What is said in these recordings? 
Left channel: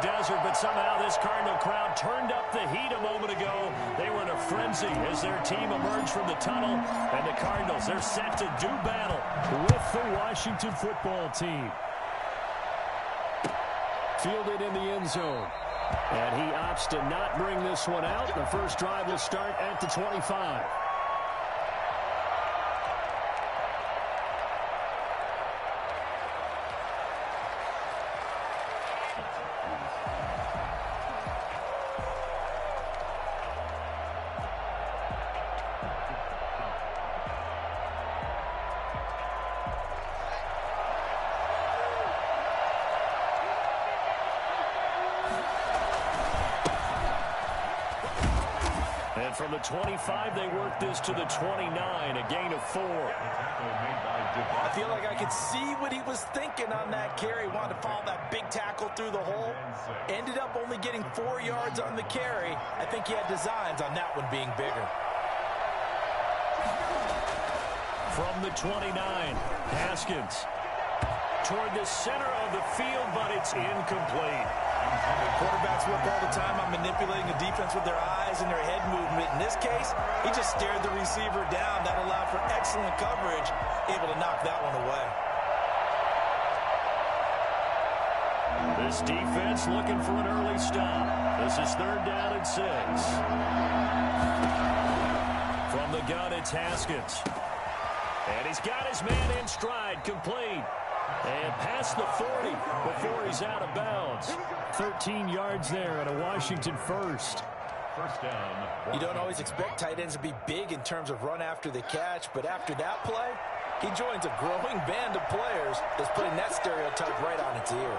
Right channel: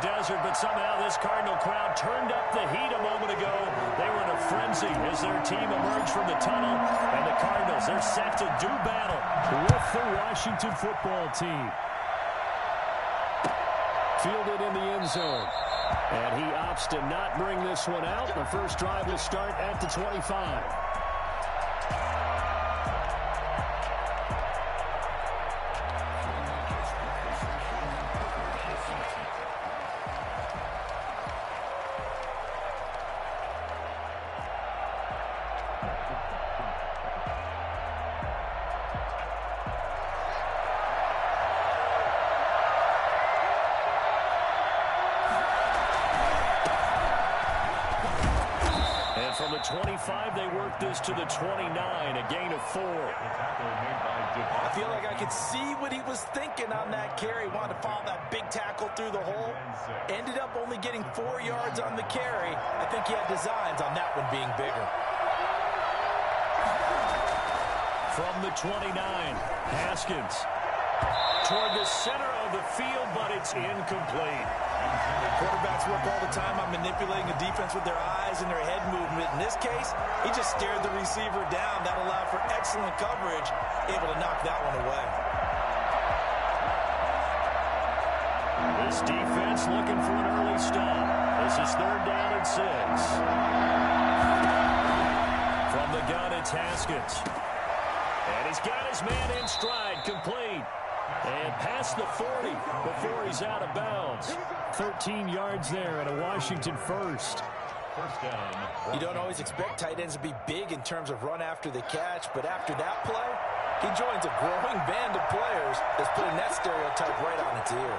desert, but somehow this Cardinal crowd turned up the heat a moment ago. They were in a frenzy as their team emerged from the tunnel, and the Cardinals, they're set to do battle with the Washington football team. Fielded in the end zone. And he opts to not bring this one out. The first drive will start at the 25. From the 25, they work this to the 29, a gain of 4. I feel like I could see what he was thinking on that carry. Wanted to follow that big tackle through the hole. Ended up only getting 4 yards on the carry. I think he had designs on that one being bigger. From the 29, Haskins. Toward the center of the field, but it's incomplete. Quarterbacks work all the time on manipulating the defense with their eyes and their head movement. In this case, he just stared the receiver down. That allowed for excellent coverage, able to knock that one away. This defense looking for an early stop. This is 3rd down and 6. From the gun, it's Haskins. And he's got his man in stride, complete. And past the 40 before he's out of bounds. 13 yards there and a Washington first. First down. You don't always expect tight ends to be big in terms of run after the catch, but after that play, he joins a growing band of players that's putting that stereotype right on its ear.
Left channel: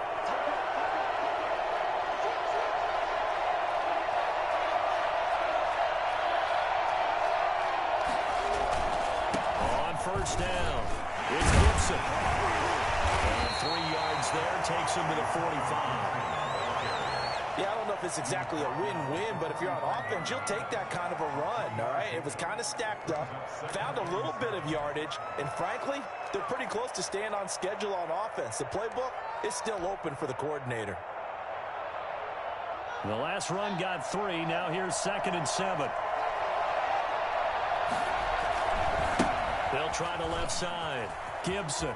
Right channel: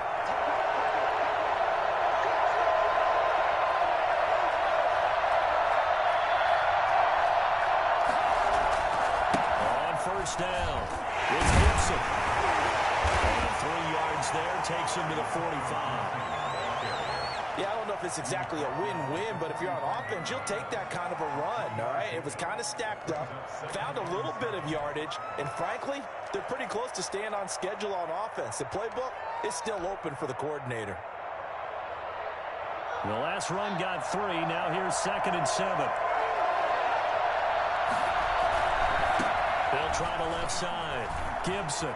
On first down, it's Gibson. And 3 yards there takes him to the 45. Yeah, I don't know if it's exactly a win-win, but if you're on offense, you'll take that kind of a run, all right? It was kind of stacked up, found a little bit of yardage, and frankly, they're pretty close to staying on schedule on offense. The playbook is still open for the coordinator. The last run got 3. Now here's 2nd and 7. They'll try the left side. Gibson.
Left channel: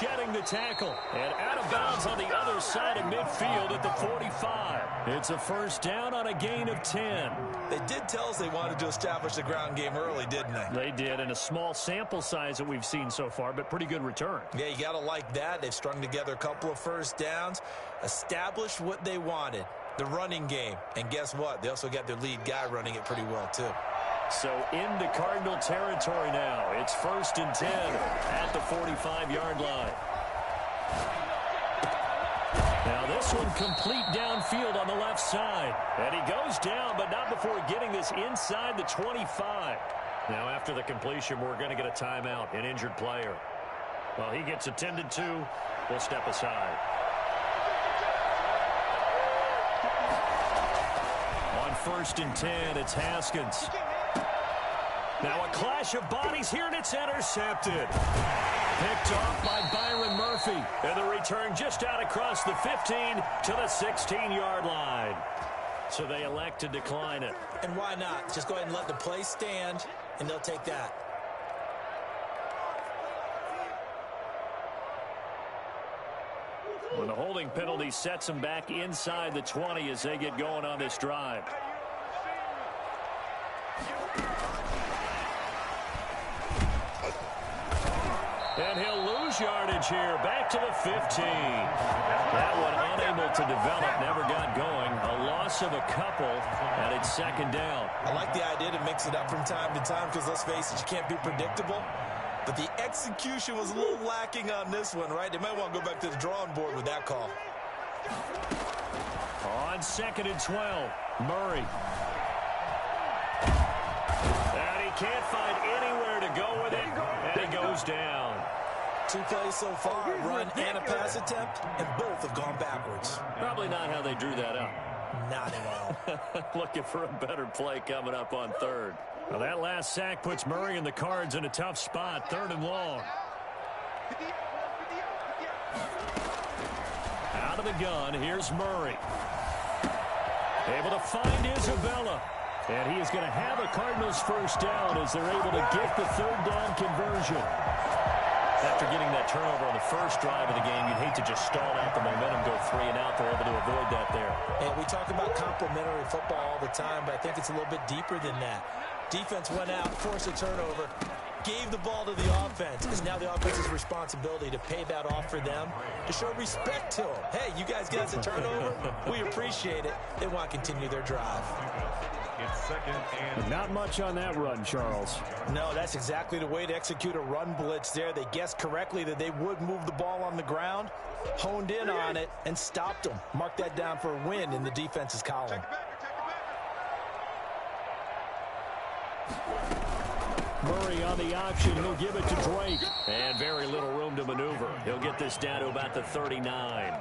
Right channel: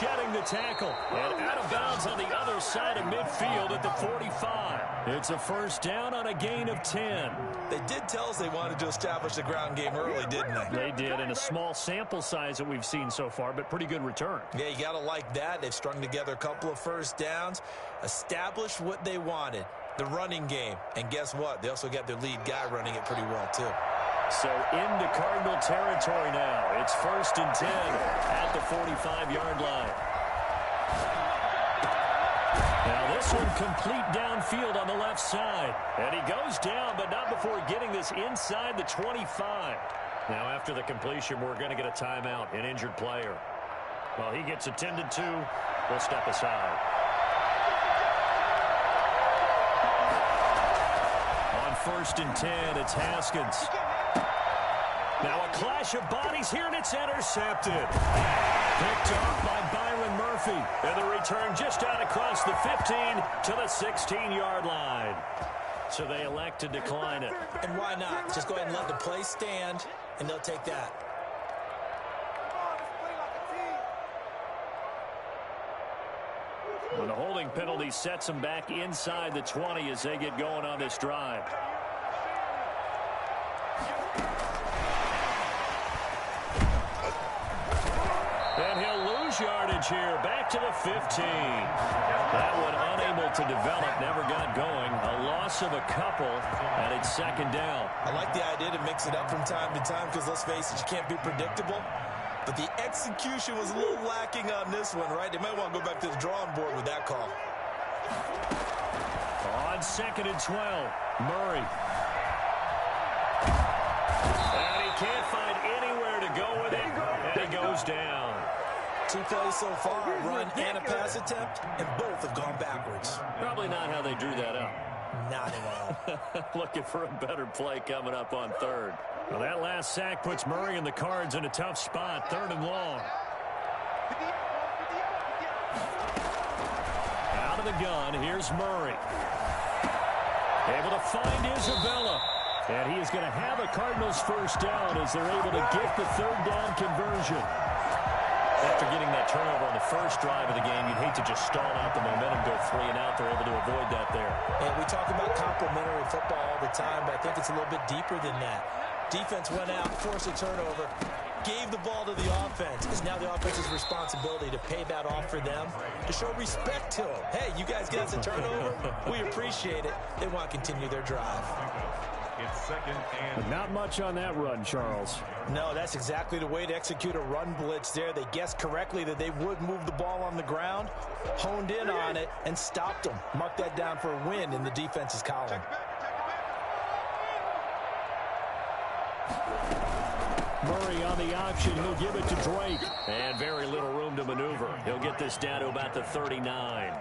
Shedding the tackle and out of bounds on the other side of midfield at the 45. It's a first down on a gain of 10. They did tell us they wanted to establish the ground game early, didn't they? They did, in a small sample size that we've seen so far, but pretty good return. Yeah, you got to like that. They've strung together a couple of first downs, established what they wanted, the running game. And guess what? They also got their lead guy running it pretty well, too. So into Cardinal territory now. It's 1st and 10 at the 45-yard line. Now this one complete downfield on the left side. And he goes down, but not before getting this inside the 25. Now after the completion, we're going to get a timeout, an injured player. Well, he gets attended to. We'll step aside. On 1st and 10, it's Haskins. Now a clash of bodies here, and it's intercepted. Picked off by Byron Murphy. And the return just out across the 15 to the 16-yard line. So they elect to decline it. And why not? Just go ahead and let the play stand, and they'll take that. Well, the holding penalty sets them back inside the 20 as they get going on this drive. And he'll lose yardage here, back to the 15. That one unable to develop, never got going. A loss of a couple, and it's 2nd down. I like the idea to mix it up from time to time because, let's face it, you can't be predictable. But the execution was a little lacking on this one, right? They might want to go back to the drawing board with that call. On 2nd and 12, Murray. And he can't find anywhere to go with it, and he goes down. 2 plays so far, a run and a pass attempt, and both have gone backwards. Probably not how they drew that up. Not at all. Looking for a better play coming up on 3rd. Well, that last sack puts Murray and the Cards in a tough spot, 3rd and long. Out of the gun, here's Murray. Able to find Isabella. And he is going to have a Cardinals first down as they're able to get the third down conversion. After getting that turnover on the first drive of the game, you'd hate to just stall out the momentum, go 3 and out. They're able to avoid that there. And we talk about complementary football all the time, but I think it's a little bit deeper than that. Defense went out, forced a turnover, gave the ball to the offense. It's now the offense's responsibility to pay that off for them, to show respect to them. Hey, you guys get us a turnover? We appreciate it. They want to continue their drive. It's second and... But not much on that run, Charles. No, that's exactly the way to execute a run blitz there. They guessed correctly that they would move the ball on the ground, honed in on it, and stopped them. Mark that down for a win in the defense's column. Murray on the option. He'll give it to Drake. And very little room to maneuver. He'll get this down to about the 39.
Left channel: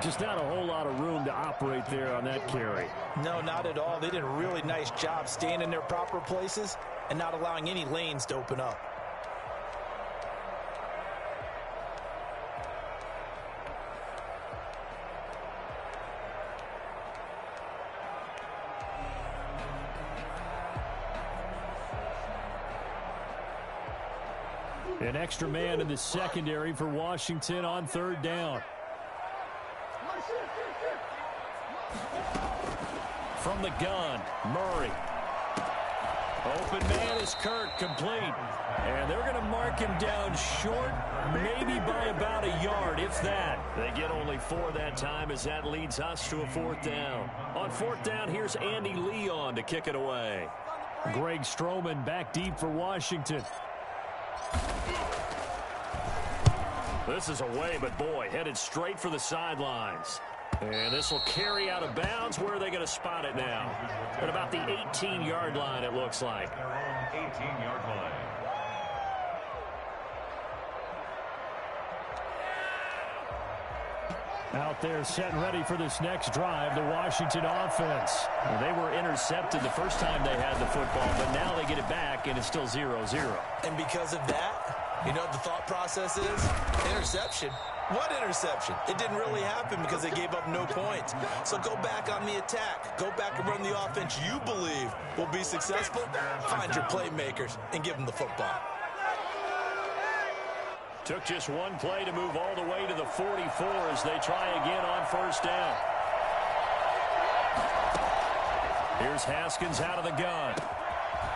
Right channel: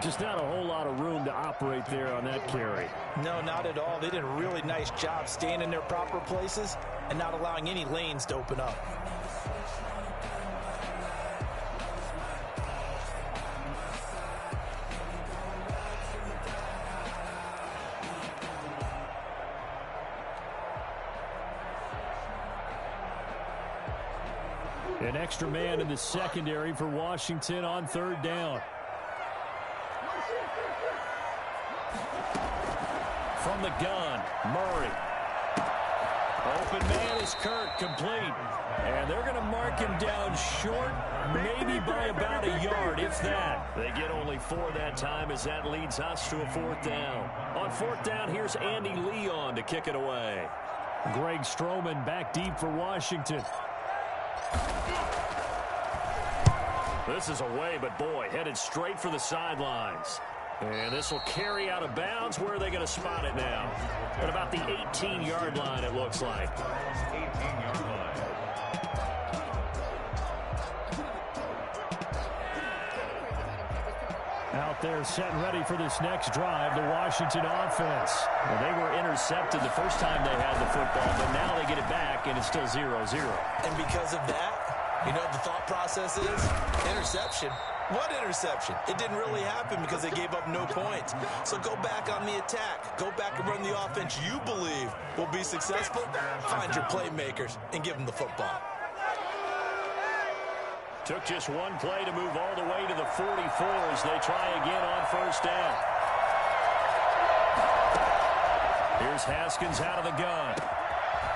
Just not a whole lot of room to operate there on that carry. No, not at all. They did a really nice job staying in their proper places and not allowing any lanes to open up. An extra man in the secondary for Washington on third down. From the gun, Murray. Open man is Kirk, complete. And they're going to mark him down short, maybe by about a yard, if that. They get only 4 that time as that leads us to a 4th down. On 4th down, here's Andy Leon to kick it away. Greg Stroman back deep for Washington. This is away, but boy, headed straight for the sidelines. And this will carry out of bounds. Where are they going to spot it now? At about the 18-yard line, it looks like. 18-yard line. Out there set and ready for this next drive, the Washington offense. Well, they were intercepted the first time they had the football, but now they get it back, and it's still 0-0. And because of that, you know what the thought process is? Interception. What interception? It didn't really happen because they gave up no points. So go back on the attack. Go back and run the offense you believe will be successful. Find your playmakers and give them the football. Took just one play to move all the way to the 44 as they try again on first down. Here's Haskins out of the gun.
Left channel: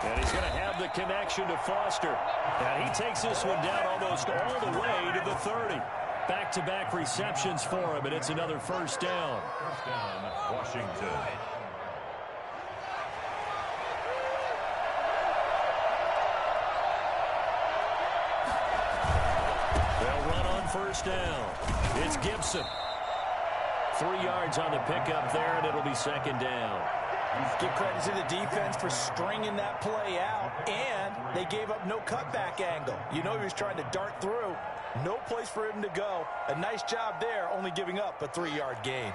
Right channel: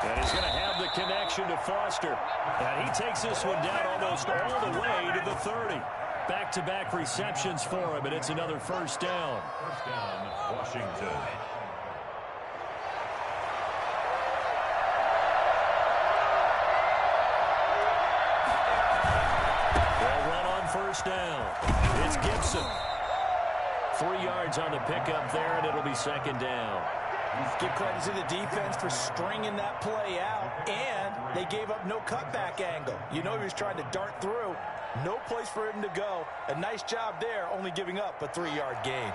And he's going to have the connection to Foster. And he takes this one down almost all the way to the 30. Back-to-back receptions for him, and it's another first down. First down, Washington. They'll run on first down. It's Gibson. 3 yards on the pickup there, and it'll be second down. Give credit to the defense for stringing that play out, and they gave up no cutback angle. You know he was trying to dart through. No place for him to go. A nice job there, only giving up a 3-yard gain.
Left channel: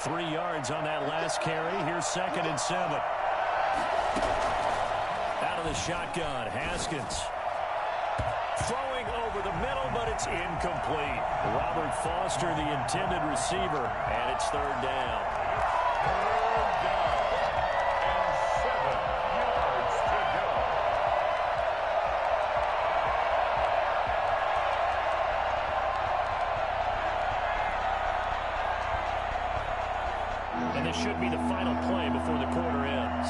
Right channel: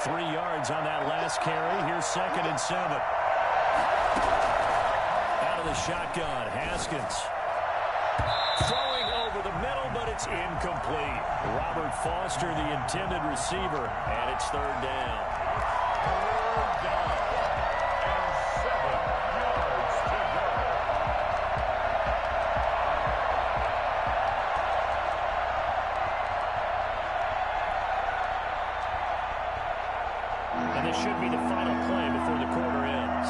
3 yards on that last carry. Here's 2nd and 7. Out of the shotgun, Haskins. Throwing over the middle, but it's incomplete. Robert Foster, the intended receiver, and it's third down. Third down. And 7 yards to go. And this should be the final play before the quarter ends.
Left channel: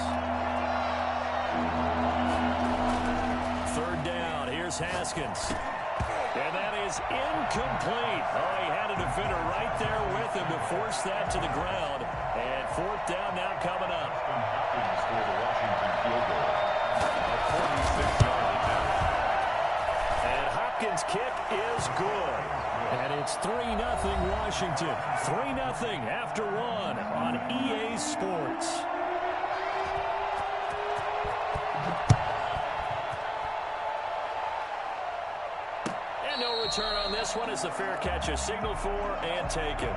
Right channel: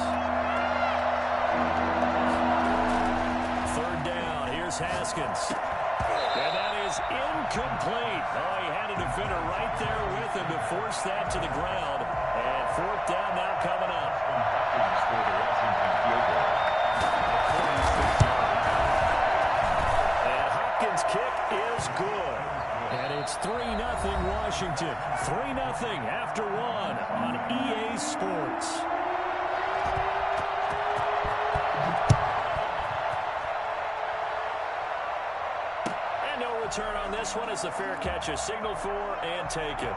Third down. Here's Haskins. And that is incomplete. Oh, he had a defender right there with him to force that to the ground. And 4th down now coming up. Hopkins for the Washington field goal. A 46-yard attempt. And Hopkins' kick is good. And it's 3-0 Washington. 3-0 after 1 on EA Sports. And no return on this one as the fair catch is signaled for and taken.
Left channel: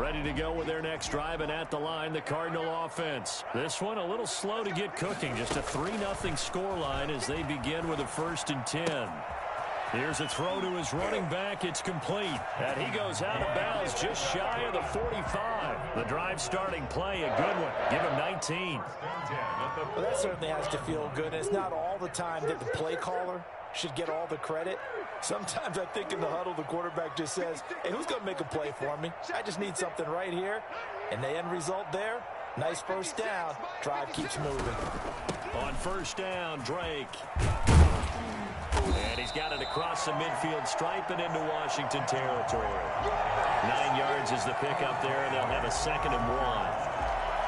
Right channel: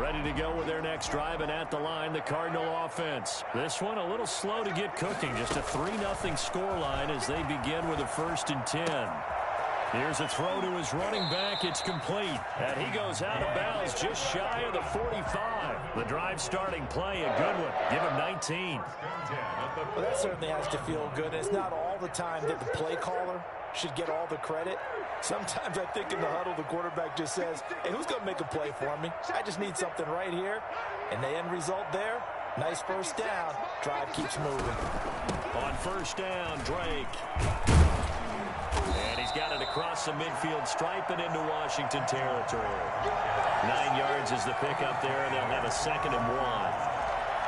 Ready to go with their next drive, and at the line, the Cardinal offense. This one a little slow to get cooking. Just a 3-0 scoreline as they begin with a 1st and 10. Here's a throw to his running back. It's complete. And he goes out of bounds just shy of the 45. The drive starting play, a good one. Give him 19. Well, that certainly has to feel good. It's not all the time that the play caller should get all the credit. Sometimes I think in the huddle, the quarterback just says, hey, who's going to make a play for me? I just need something right here. And the end result there, nice first down. Drive keeps moving. On first down, Drake. And he's got it across the midfield stripe and into Washington territory. 9 yards is the pickup there, and they'll have a 2nd and 1.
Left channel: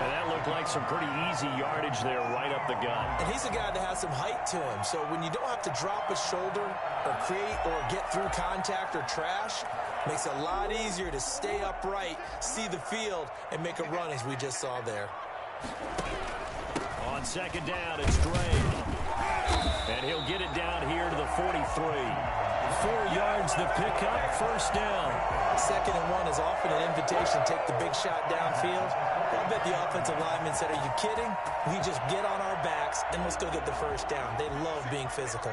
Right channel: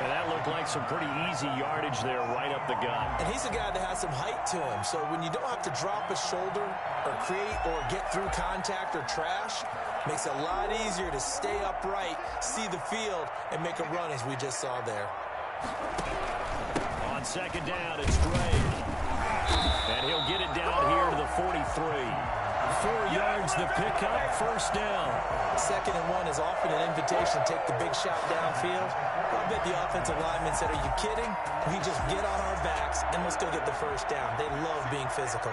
And that looked like some pretty easy yardage there right up the gut. And he's a guy that has some height to him. So when you don't have to drop a shoulder or create or get through contact or trash, makes it a lot easier to stay upright, see the field, and make a run as we just saw there. On 2nd down, it's Drake. And he'll get it down here to the 43. 4 yards the pickup, 1st down. 2nd and 1 is often an invitation to take the big shot downfield. I bet the offensive lineman said, are you kidding? We just get on our backs and let's go get the 1st down. They love being physical.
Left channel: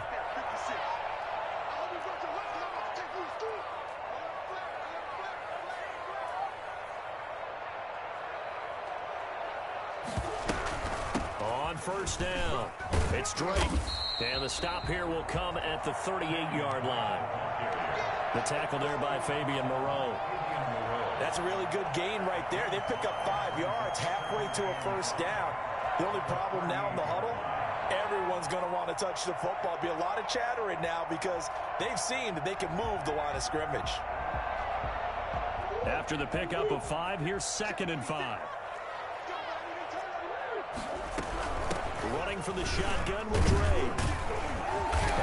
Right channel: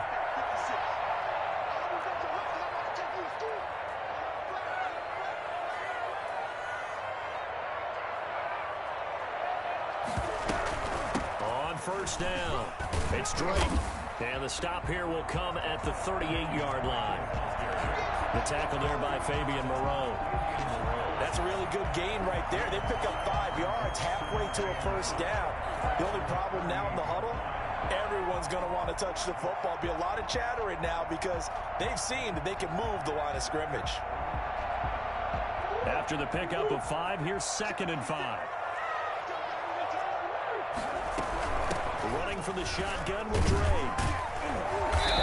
On 1st down, it's Drake. And the stop here will come at the 38-yard line. The tackle there by Fabian Moreau. That's a really good gain right there. They pick up 5 yards halfway to a 1st down. The only problem now in the huddle, everyone's going to want to touch the football. Be a lot of chattering now because they've seen that they can move the line of scrimmage. After the pickup of 5, here's 2nd and 5. Running from the shotgun with Drake.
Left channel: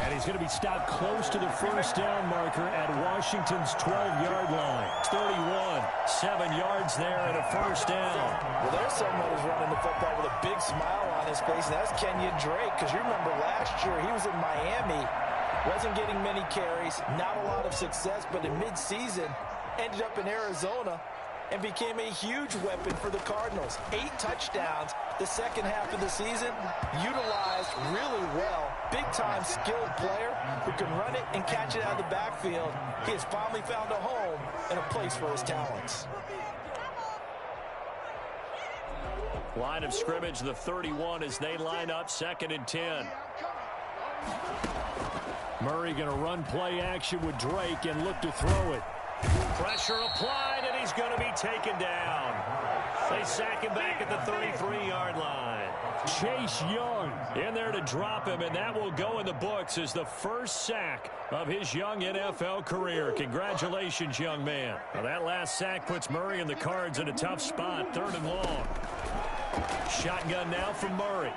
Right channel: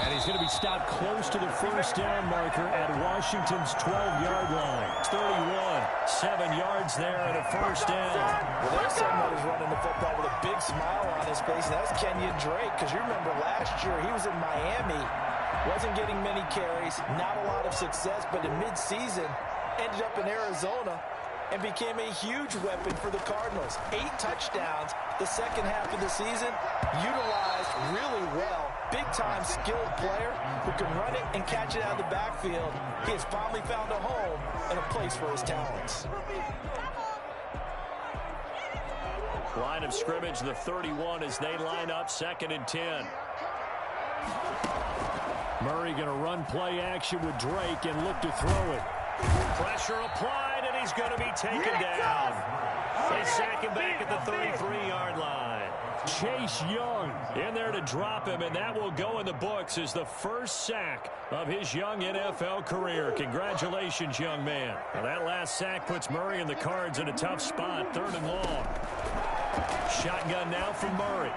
And he's going to be stopped close to the 1st down marker at Washington's 12-yard line. 31, 7 yards there and a 1st down. Well, there's someone who's running the football with a big smile on his face, and that's Kenyon Drake, because you remember last year he was in Miami, wasn't getting many carries, not a lot of success, but in midseason ended up in Arizona and became a huge weapon for the Cardinals. 8 touchdowns the second half of the season, utilized really well. Big-time skilled player who can run it and catch it out of the backfield. He has finally found a home and a place for his talents. Line of scrimmage, the 31 as they line up 2nd and 10. Murray going to run play action with Drake and look to throw it. Pressure applied, and he's going to be taken down. They sack him back at the 33-yard line. Chase Young in there to drop him, and that will go in the books as the first sack of his young NFL career. Congratulations, young man. Now, that last sack puts Murray and the Cards in a tough spot, 3rd and long. Shotgun now from Murray.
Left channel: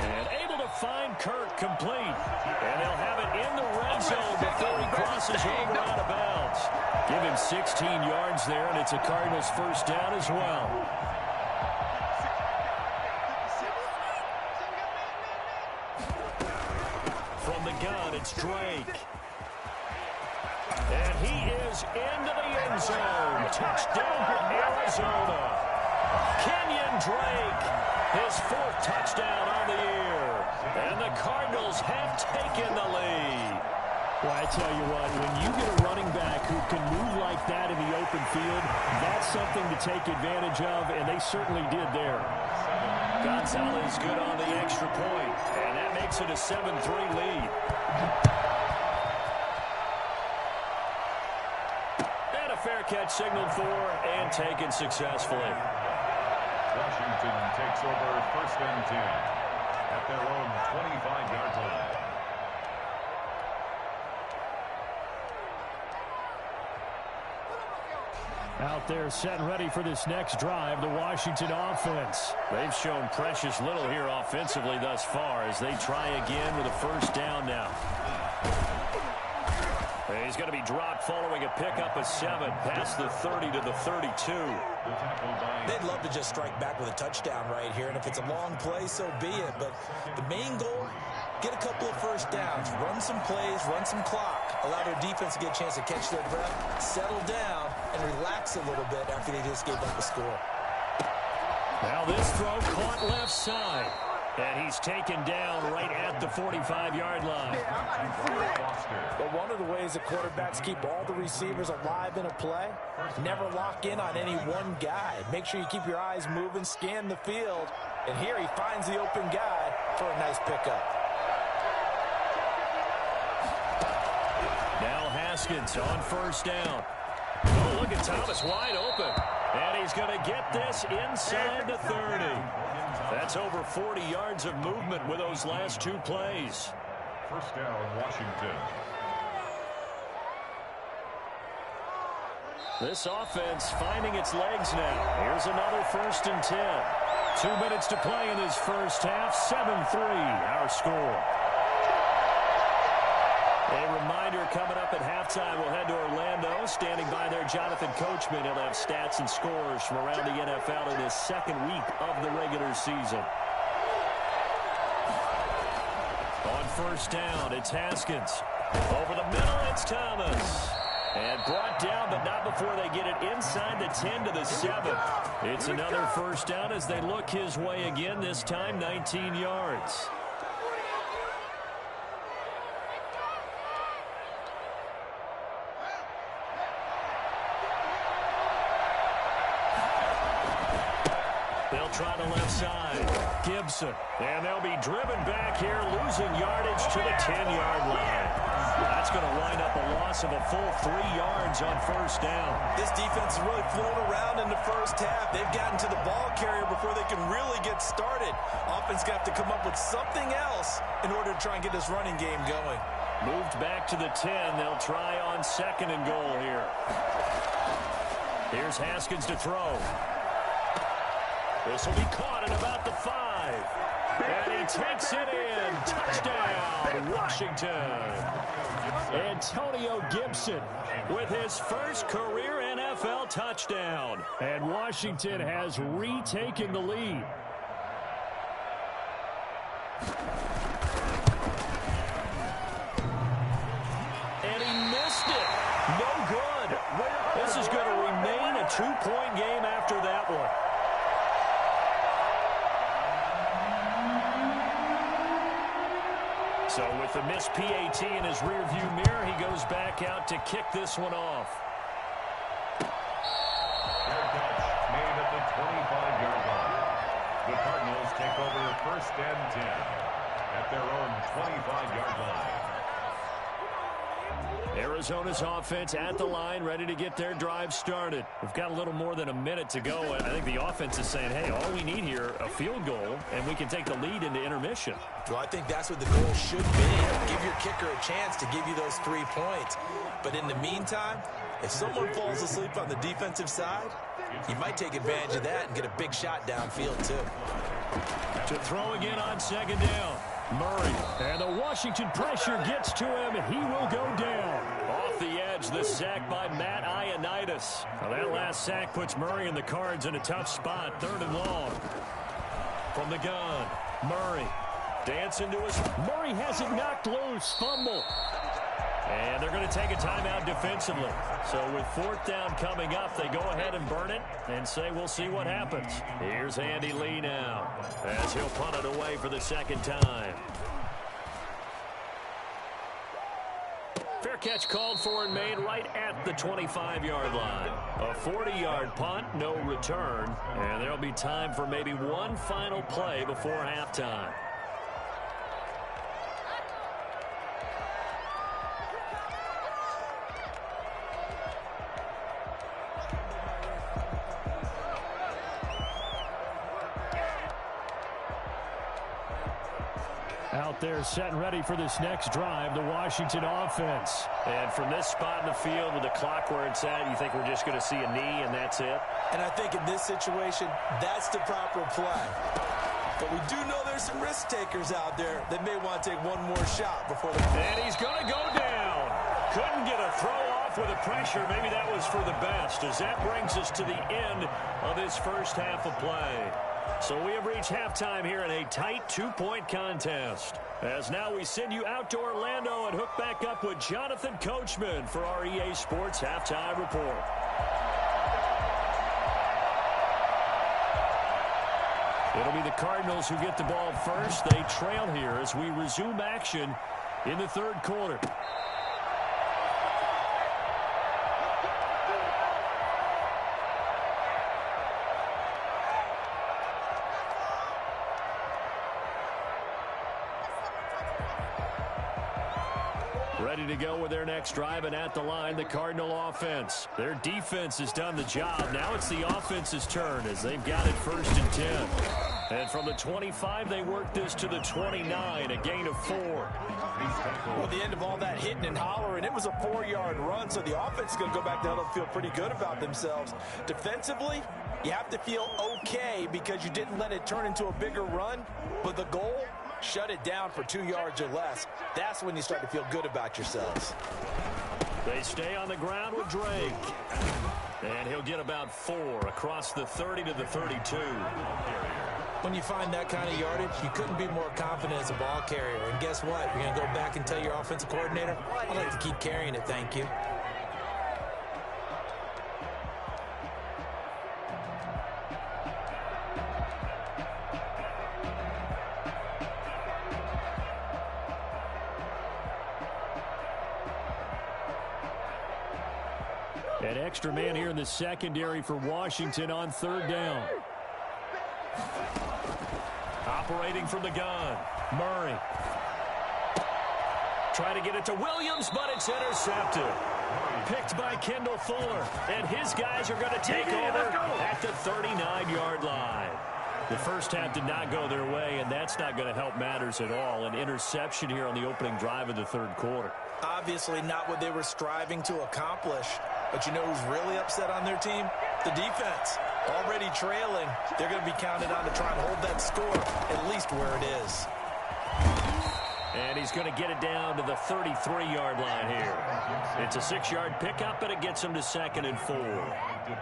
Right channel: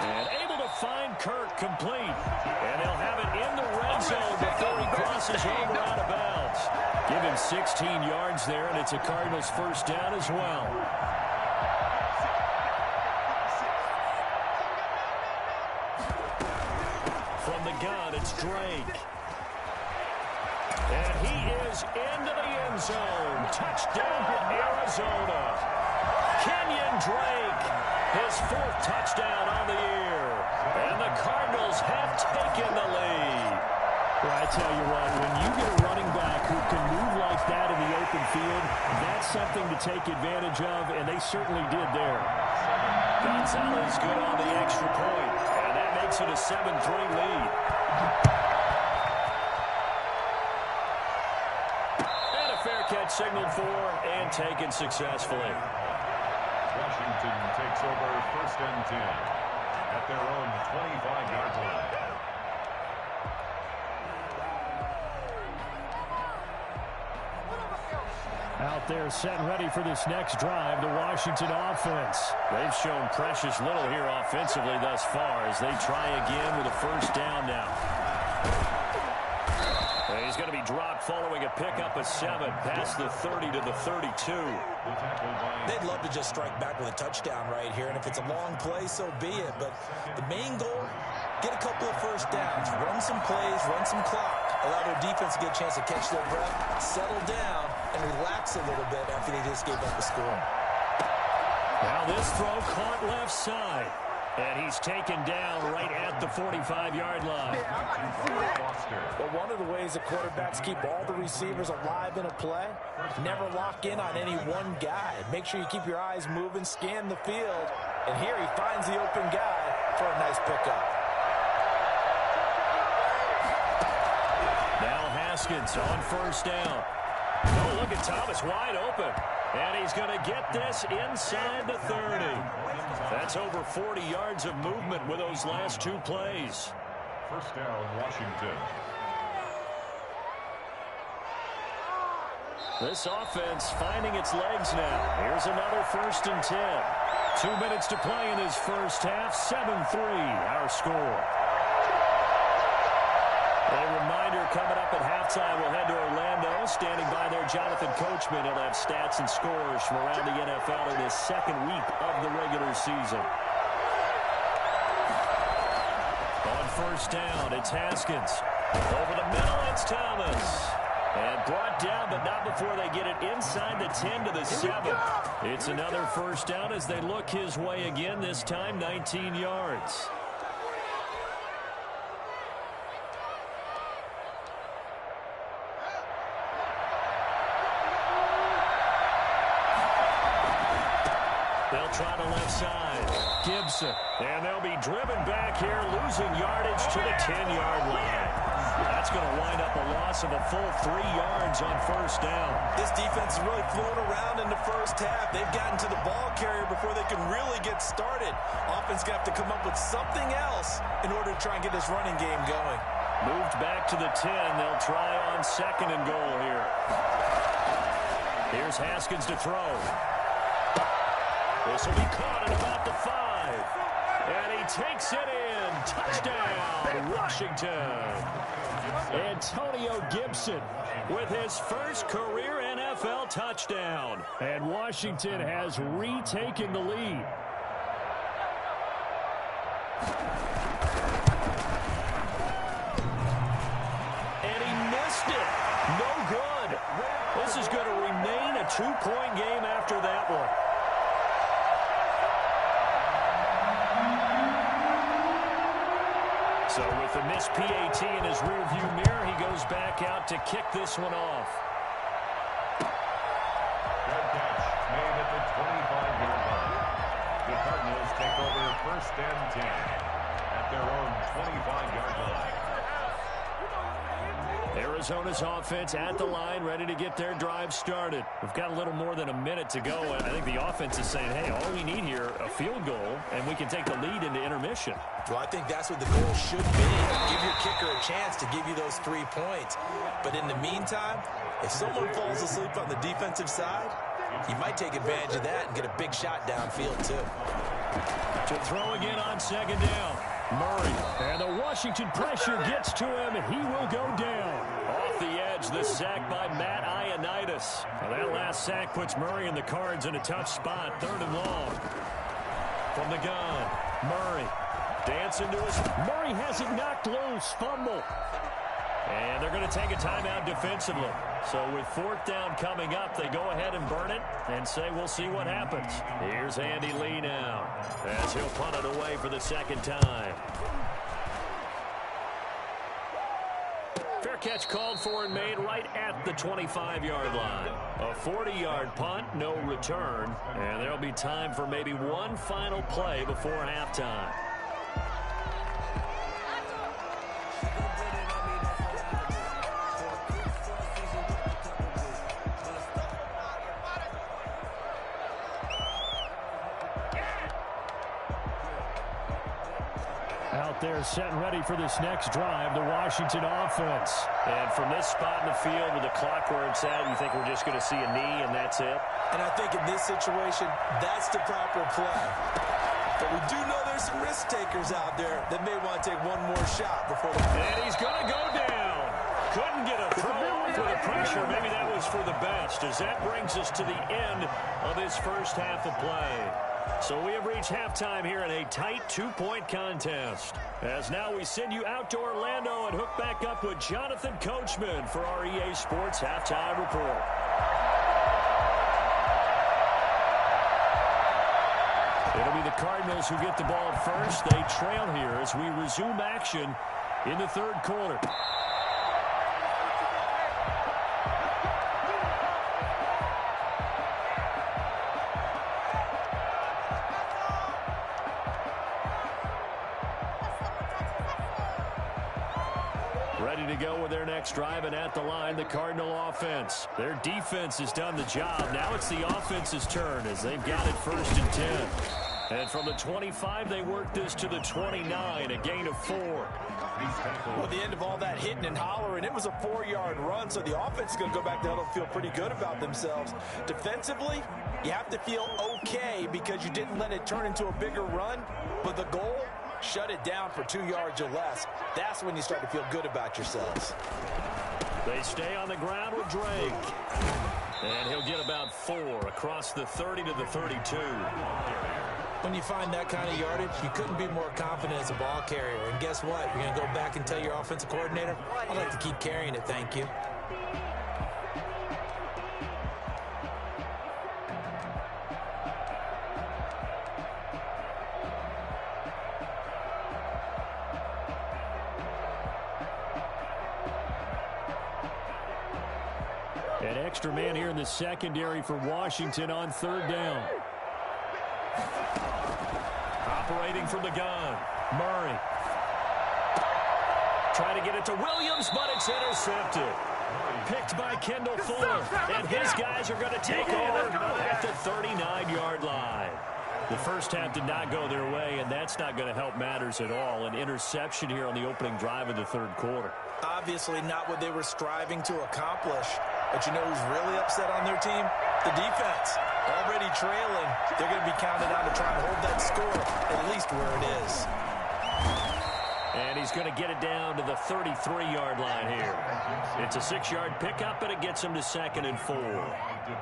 And able to find Kirk complete. And they'll have it in the red zone before he crosses over out of bounds. Give him 16 yards there, and it's a Cardinals 1st down as well. From the gun, it's Drake. And he is into the end zone. Touchdown, Arizona. Kenyon Drake. His 4th touchdown on the year. And the Cardinals have taken the lead. Well, I tell you what, when you get a running back who can move like that in the open field, that's something to take advantage of, and they certainly did there. Gonzalez good on the extra point, and that makes it a 7-3 lead. And a fair catch signaled for and taken successfully. Washington takes over 1st and 10 at their own 25-yard line. Out there set and ready for this next drive, the Washington offense. They've shown precious little here offensively thus far as they try again with a 1st down now. He's going to be dropped following a pickup of 7 past the 30 to the 32. They'd love to just strike back with a touchdown right here, and if it's a long play, so be it. But the main goal, get a couple of first downs, run some plays, run some clock, allow their defense to get a chance to catch their breath, settle down, and relax a little bit after they just gave up the score. Now this throw caught left side. And he's taken down right at the 45-yard line. But one of the ways that quarterbacks keep all the receivers alive in a play, never lock in on any one guy. Make sure you keep your eyes moving, scan the field. And here he finds the open guy for a nice pickup. Now Haskins on first down. Oh, look at Thomas wide open. And he's going to get this inside the 30. That's over 40 yards of movement with those last 2 plays. First down, Washington. This offense finding its legs now. Here's another 1st and 10. 2 minutes to play in this first half. 7-3 our score. A reminder coming up at halftime, we'll head to Orlando. Standing by there, Jonathan Coachman. He'll have stats and scores from around the NFL in his 2nd week of the regular season. On first down, it's Haskins. Over the middle, it's Thomas. And brought down, but not before they get it inside the 10 to the 7. It's another first down as they look his way again, this time 19 yards. They'll try the left side. Gibson. And they'll be driven back here, losing yardage to the 10-yard line. That's going to wind up a loss of a full 3 yards on first down. This defense has really flown around in the first half. They've gotten to the ball carrier before they can really get started. Offense going to have to come up with something else in order to try and get this running game going. Moved back to the 10. They'll try on 2nd and goal here. Here's Haskins to throw. This will be caught at about the 5. And he takes it in. Touchdown, Washington. Antonio Gibson with his first career NFL touchdown. And Washington has retaken the lead. And he missed it. No good. This is going to remain a 2-point game after that one. So with the missed PAT in his rearview mirror, he goes back out to kick this one off. Fair catch made at the 25-yard line. The Cardinals take over 1st and 10 at their own 25-yard line. Arizona's offense at the line, ready to get their drive started. We've got a little more than a minute to go. I think the offense is saying, hey, all we need here, a field goal, and we can take the lead into intermission. Well, I think that's what the goal should be. Give your kicker a chance to give you those 3 points. But in the meantime, if someone falls asleep on the defensive side, you might take advantage of that and get a big shot downfield, too. To throw again on 2nd down. Murray, and the Washington pressure gets to him, and he will go down. Off the edge, the sack by Matt Ioannidis. Well, that last sack puts Murray and the Cards in a tough spot, 3rd and long. From the gun, Murray dancing to his... Murray has it knocked loose, fumble. And they're going to take a timeout defensively. So with 4th down coming up, they go ahead and burn it and say we'll see what happens. Here's Andy Lee now as he'll punt it away for the 2nd time. Fair catch called for and made right at the 25-yard line. A 40-yard punt, no return. And there'll be time for maybe one final play before halftime. Out there set and ready for this next drive, the Washington offense. And from this spot in the field with the clock where it's at, you think we're just going to see a knee and that's it? And I think in this situation, that's the proper play. But we do know there's some risk takers out there that may want to take one more shot before the... And he's going to go down. Couldn't get a throw sure maybe that was for the best, as that brings us to the end of this first half of play. So we have reached halftime here in a tight 2-point contest. As now we send you out to Orlando and hook back up with Jonathan Coachman for our EA Sports Halftime Report. It'll be the Cardinals who get the ball first. They trail here as we resume action in the third quarter. Ready to go with their next drive, and at the line, the Cardinal offense. Their defense has done the job. Now it's the offense's turn as they've got it 1st and 10. And from the 25, they work this to the 29, a gain of 4. Well, the end of all that hitting and hollering, it was a 4-yard run, so the offense is going to go back to huddle and feel pretty good about themselves. Defensively, you have to feel okay because you didn't let it turn into a bigger run, but the goal, shut it down for 2 yards or less. That's when you start to feel good about yourselves. They stay on the ground with Drake. And he'll get about 4 across the 30 to the 32. When you find that kind of yardage, you couldn't be more confident as a ball carrier. And guess what? You're going to go back and tell your offensive coordinator, I'd like to keep carrying it, thank you. An extra man here in the secondary for Washington on 3rd down. Operating from the gun, Murray. Try to get it to Williams, but it's intercepted. Picked by Kendall Fuller, and his guys are going to take over at the 39-yard line. The first half did not go their way, and that's not going to help matters at all. An interception here on the opening drive of the third quarter. Obviously not what they were striving to accomplish. But you know who's really upset on their team? The defense. Already trailing, they're going to be counted on to try and hold that score at least where it is. And he's going to get it down to the 33-yard line here. It's a 6-yard pickup, and it gets him to 2nd and 4.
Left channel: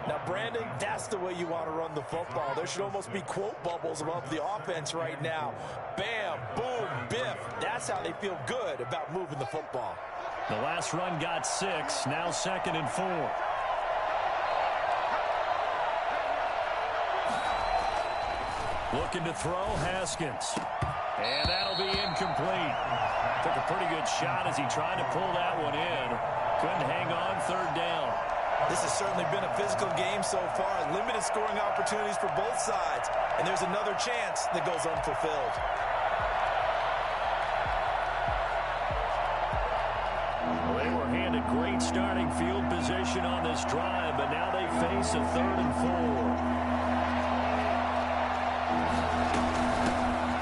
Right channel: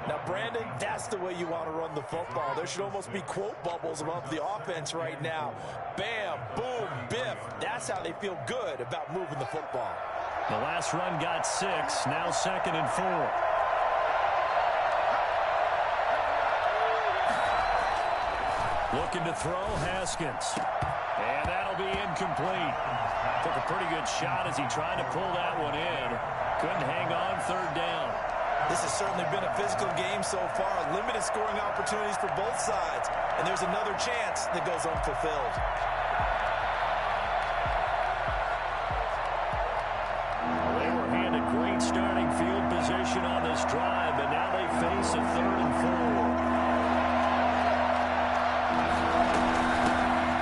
Now, Brandon, that's the way you want to run the football. There should almost be quote bubbles above the offense right now. Bam, boom, biff. That's how they feel good about moving the football. The last run got 6, now 2nd and 4. Looking to throw, Haskins. And that'll be incomplete. Took a pretty good shot as he tried to pull that one in. Couldn't hang on 3rd down. This has certainly been a physical game so far. Limited scoring opportunities for both sides. And there's another chance that goes unfulfilled. They were handed great starting field position on this drive, but now they face a 3rd and 4.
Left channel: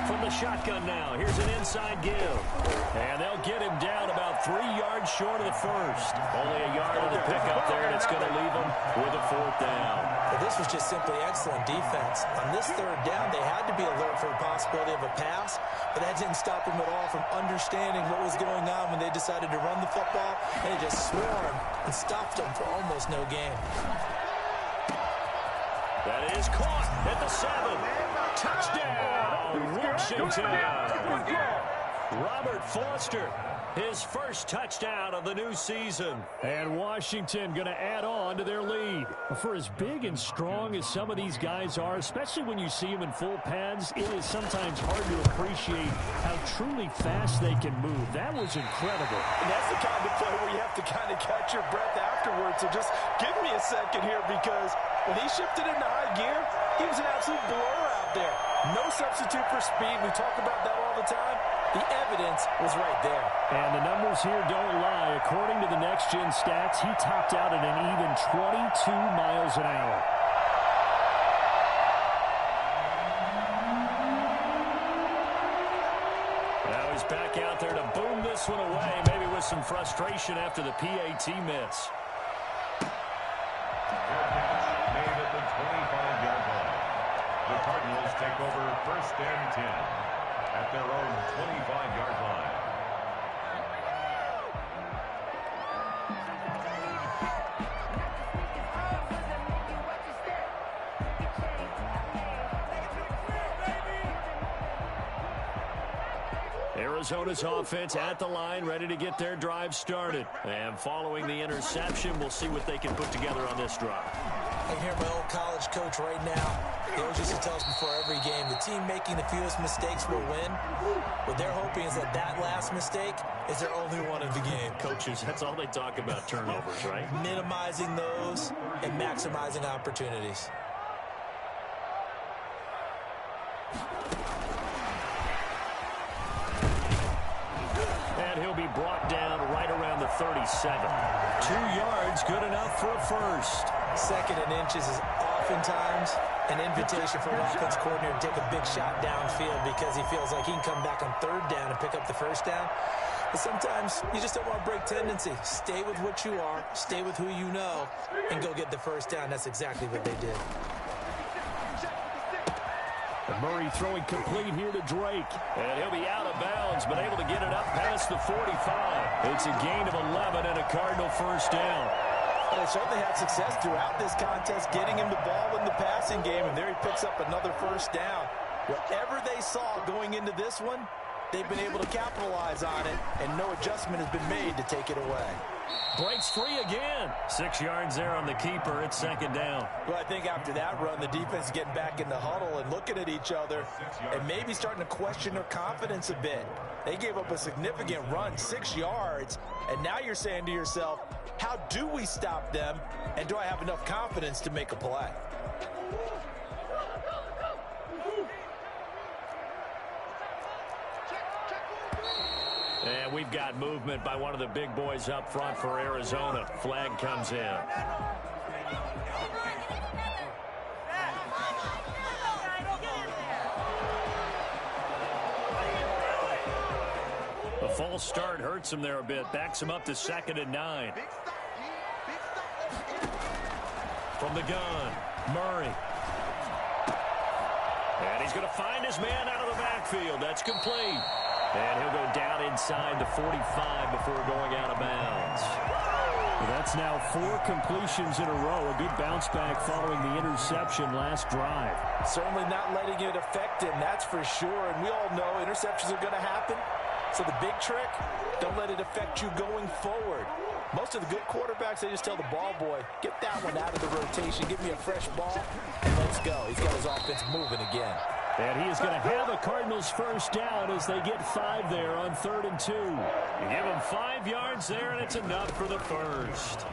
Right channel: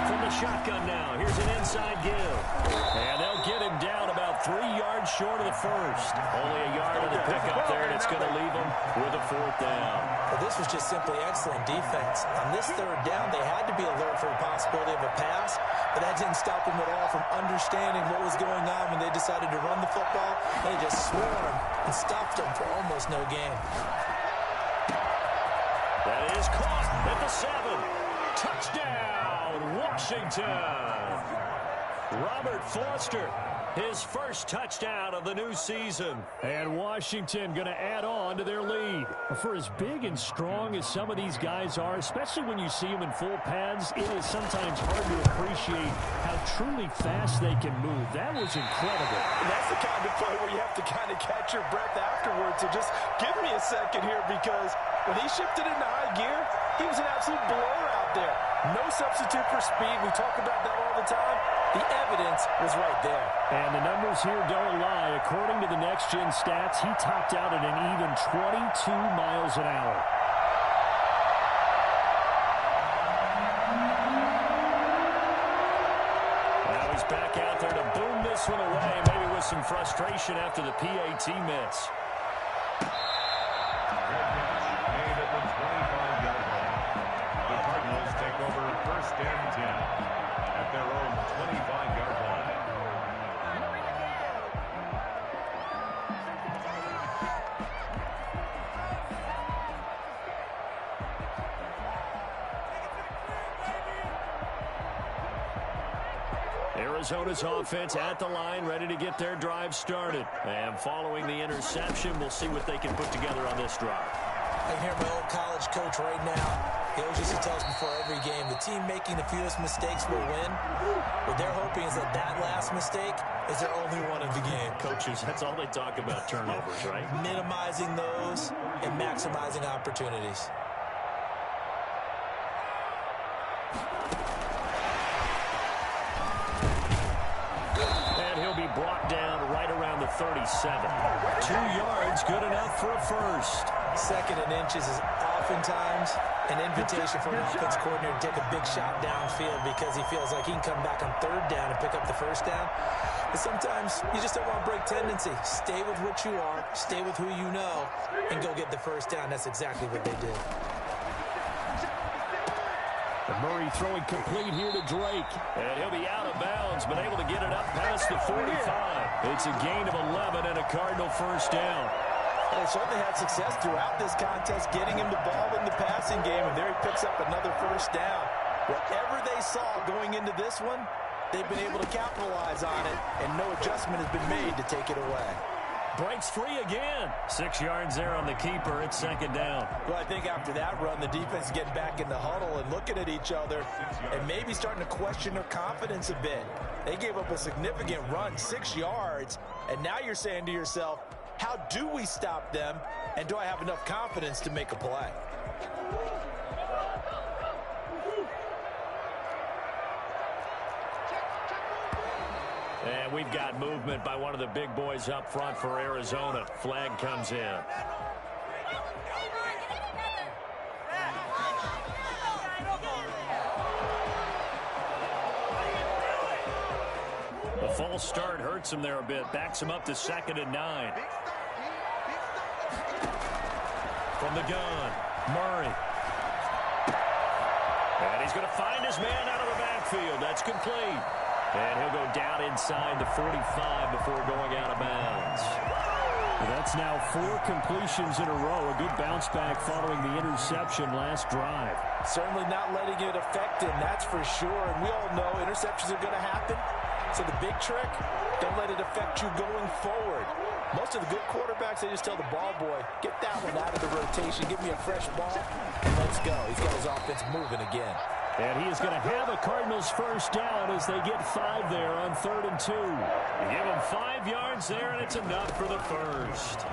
From the shotgun now, here's an inside give. And they'll get him down about 3 yards short of the first. Only a yard of the pickup there, and it's going to leave them with a 4th down. Well, this was just simply excellent defense. On this 3rd down, they had to be alert for the possibility of a pass, but that didn't stop them at all from understanding what was going on when they decided to run the football. They just swarmed and stopped them for almost no gain. That is caught at the 7. Touchdown, Washington. Robert Foster, his first touchdown of the new season. And Washington going to add on to their lead. For as big and strong as some of these guys are, especially when you see them in full pads, it is sometimes hard to appreciate how truly fast they can move. That was incredible. And that's the kind of play where you have to kind of catch your breath afterwards. So just give me a second here, because when he shifted into high gear, he was an absolute blur out there. No substitute for speed. We talk about that all the time. The evidence was right there. And the numbers here don't lie. According to the next-gen stats, he topped out at an even 22 miles an hour. Now he's back out there to boom this one away, maybe with some frustration after the PAT miss. Made at the 25-yard line. The Cardinals take over 1st and 10 at their own 25-yard line. Arizona's offense at the line, ready to get their drive started. And following the interception, we'll see what they can put together on this drive. I can hear my old college coach right now. He always used to tell us before every game, the team making the fewest mistakes will win. What they're hoping is that last mistake is their only one of the game. Coaches, that's all they talk about, turnovers, right? Minimizing those and maximizing opportunities. And he'll be brought down right around the 37. 2 yards, good enough for a first. Second and inches is oftentimes an invitation for an offense coordinator to take a big shot downfield because he feels like he can come back on third down and pick up the first down. But sometimes you just don't want to break tendency. Stay with what you are, stay with who you know, and go get the first down. That's exactly what they did. And Murray throwing complete here to Drake. And he'll be out of bounds, but able to get it up past the 45. It's a gain of 11 and a Cardinal first down. And they certainly had success throughout this contest, getting him the ball in the passing game, and there he picks up another first down. Whatever they saw going into this one, they've been able to capitalize on it, and no adjustment has been made to take it away. Breaks free again. 6 yards there on the keeper. It's second down. Well, I think after that run, the defense is getting back in the huddle and looking at each other and maybe starting to question their confidence a bit. They gave up a significant run, 6 yards, and now you're saying to yourself, how do we stop them, and do I have enough confidence to make a play? And we've got movement by one of the big boys up front for Arizona. Flag comes in. The false start hurts him there a bit. Backs him up to 2nd and 9. From the gun, Murray. And he's going to find his man out of the backfield. That's complete. And he'll go down inside the 45 before going out of bounds. That's now 4 completions in a row. A good bounce back following the interception last drive. Certainly not letting it affect him, that's for sure. And we all know interceptions are going to happen. So the big trick, don't let it affect you going forward. Most of the good quarterbacks, they just tell the ball boy, get that one out of the rotation, give me a fresh ball, and let's go. He's got his offense moving again. And he is going to have a Cardinals first down as they get 5 there on 3rd and 2. You give him 5 yards there, and it's enough for the first.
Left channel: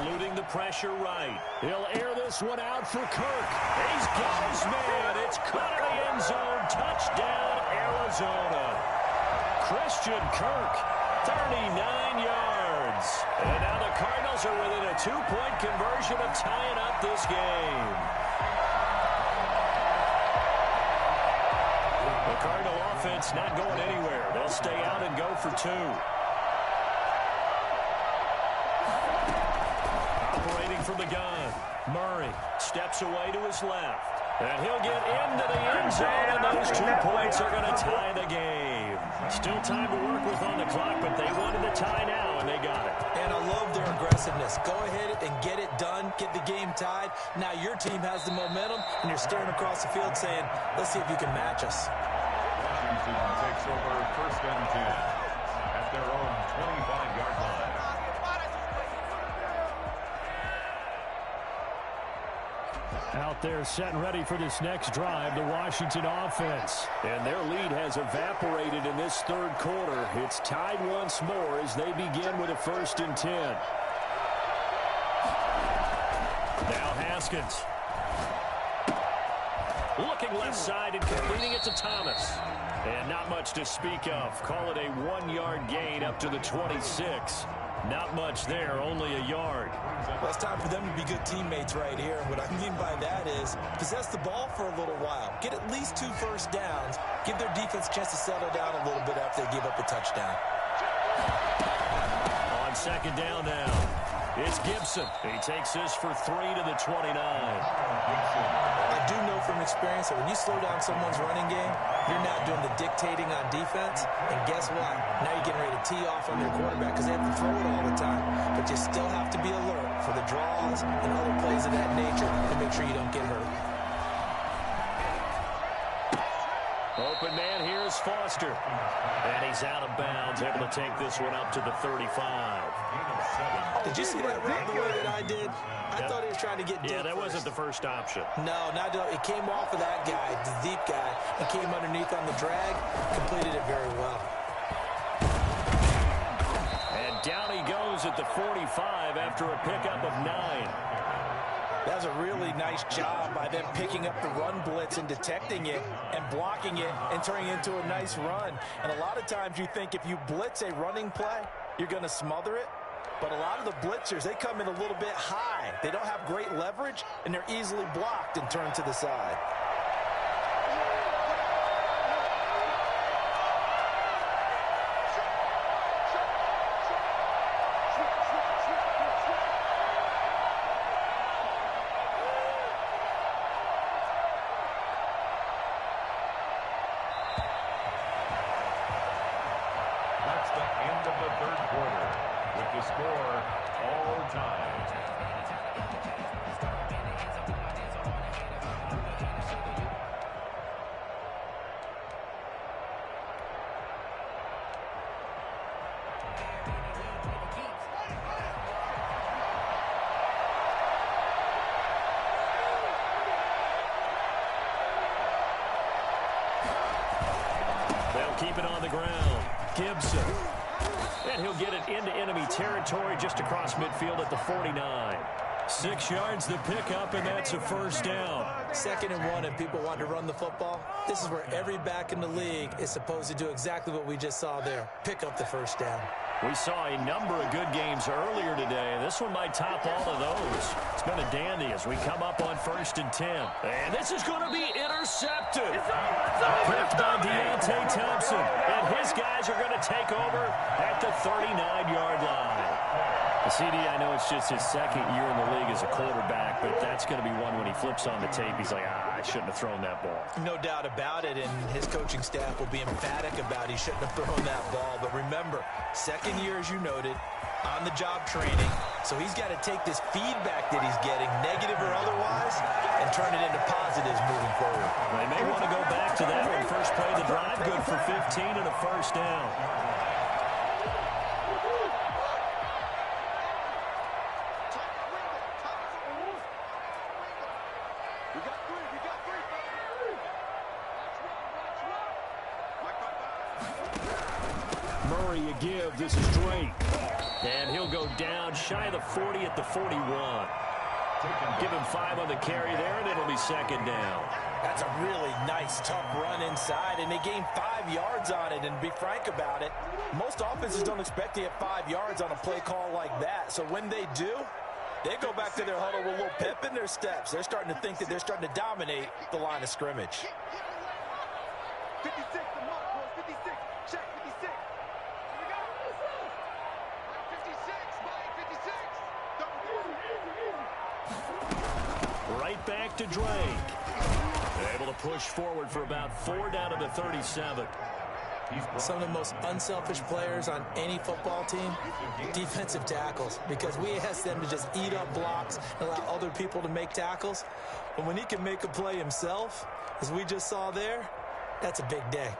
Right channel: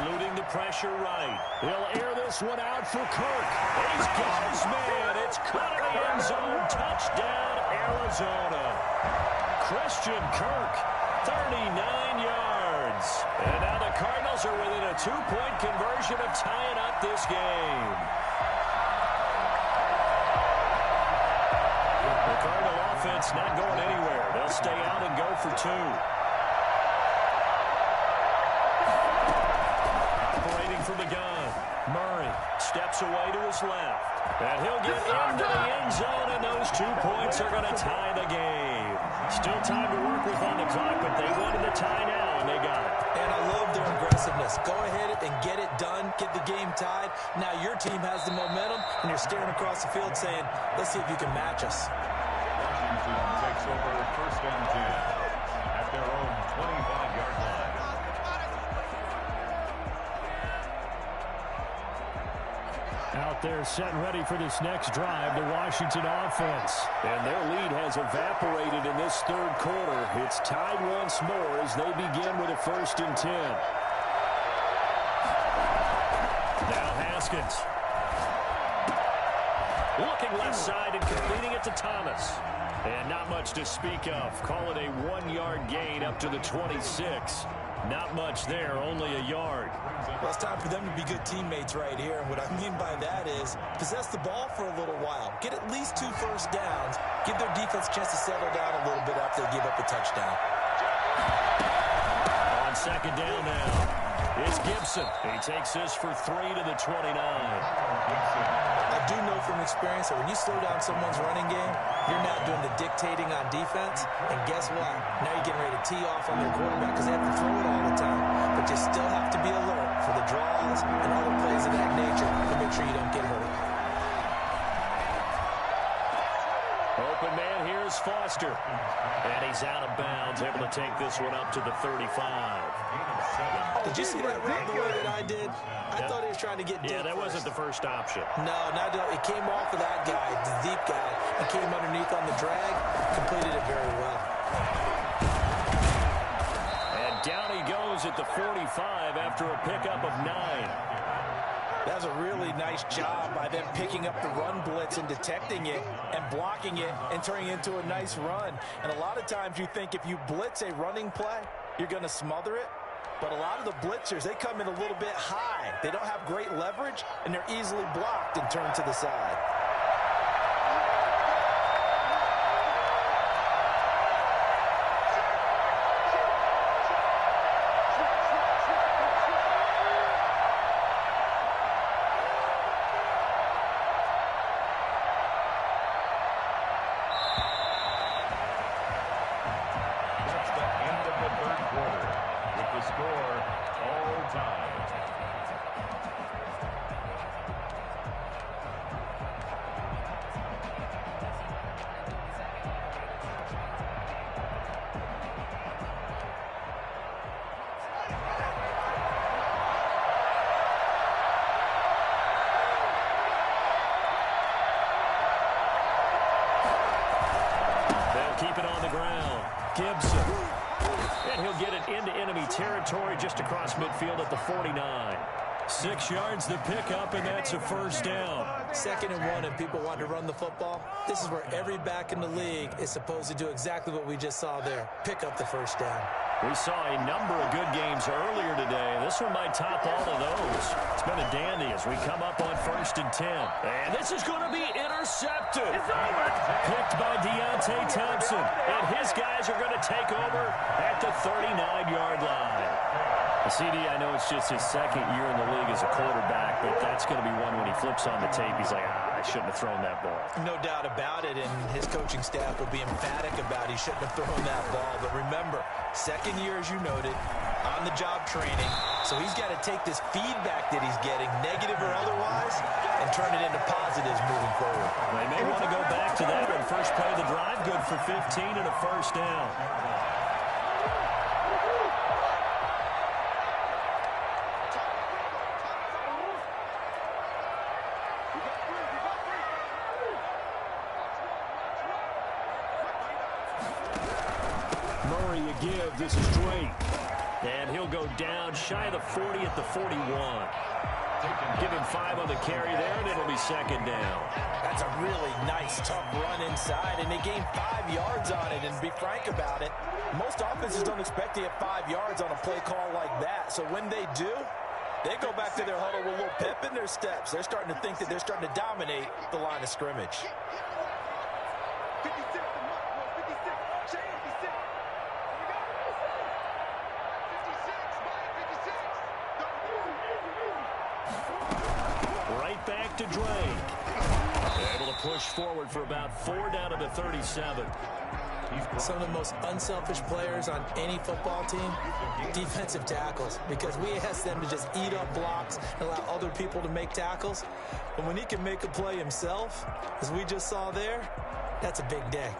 Eluding the pressure right. He'll air this one out for Kirk. He's got his man. It's caught in the end zone. Touchdown, Arizona. Christian Kirk, 39 yards. And now the Cardinals are within a 2-point conversion of tying up this game. The Cardinal offense not going anywhere. They'll stay out and go for 2. Operating from the gun, Murray steps away to his left. And he'll get into the end zone, and those 2 points are going to tie the game. Still time to work with on the clock, but they wanted the tie now, and they got it. And I love their aggressiveness. Go ahead and get it done, get the game tied. Now your team has the momentum, and you're staring across the field saying, let's see if you can match us. Washington takes over 1st and 10 at their own 25-yard line. Out there set and ready for this next drive, the Washington offense. And their lead has evaporated in this 3rd quarter. It's tied once more as they begin with a 1st and 10. Now Haskins. Looking left side and completing it to Thomas. And not much to speak of. Call it a 1-yard gain up to the 26. Not much there, only a yard. Well, it's time for them to be good teammates right here. And what I mean by that is possess the ball for a little while. Get at least 2 first downs. Give their defense a chance to settle down a little bit after they give up a touchdown. On 2nd down now, it's Gibson. He takes this for 3 to the 29. I do know from experience that when you slow down someone's running game, you're not doing the dictating on defense. And guess what? Now you're getting ready to tee off on their quarterback because they have to throw it all the time. But you still have to be alert for the draws and other plays of that nature to make sure you don't get hurt. Open man, here's Foster. And he's out of bounds, able to take this one up to the 35. Did you see that route the way that I did? I thought he was trying to get deep. Yeah, that first. wasn't the first option. No, not it came off of that guy, the deep guy, and came underneath on the drag, completed it very well. And down he goes at the 45 after a pickup of 9. That was a really nice job by them picking up the run blitz and detecting it and blocking it and turning it into a nice run. And a lot of times you think if you blitz a running play, you're going to smother it. But a lot of the blitzers, they come in a little bit high. They don't have great leverage, and they're easily blocked and turned to the side. That's the end of the third quarter. With the score, all tied. They'll keep it on the ground. Gibson. And he'll get it into enemy territory just across midfield at the 49. 6 yards the pickup, and that's a first down. 2nd and 1, and people want to run the football. This is where every back in the league is supposed to do exactly what we just saw there. Pick up the first down. We saw a number of good games earlier today. This one might top all of those. It's been a dandy as we come up on 1st and 10. And this is going to be intercepted. Picked by Deontay Thompson. And his guys are going to take over at the 39-yard line. CD, I know it's just his 2nd year in the league as a quarterback, but that's going to be one when he flips on the tape. He's like, I shouldn't have thrown that ball. No doubt about it, and his coaching staff will be emphatic about he shouldn't have thrown that ball. But remember, 2nd year, as you noted, on-the-job training. So he's got to take this feedback that he's getting, negative or otherwise, and turn it into positives moving forward. They may want to go back to that one. First play of the drive, good for 15 and a first down. Murray, you give. This is Drake. And he'll go down shy of the 40 at the 41. Give him 5 on the carry there, and it'll be 2nd down. That's a really nice, tough run inside, and they gained 5 yards on it. And to be frank about it, most offenses don't expect to get 5 yards on a play call like that. So when they do, they go back to their huddle with a little pep in their steps. They're starting to think that they're starting to dominate the line of scrimmage. 56, the mark was 56. Check 56. Here we go. 56, Mike 56. Right back to Drake. Able to push forward for about 4 down to the 37. Some of the most unselfish players on any football team, defensive tackles, because we ask them to just eat up blocks and allow other people to make tackles. But when he can make a play himself, as we just saw there, that's a big day.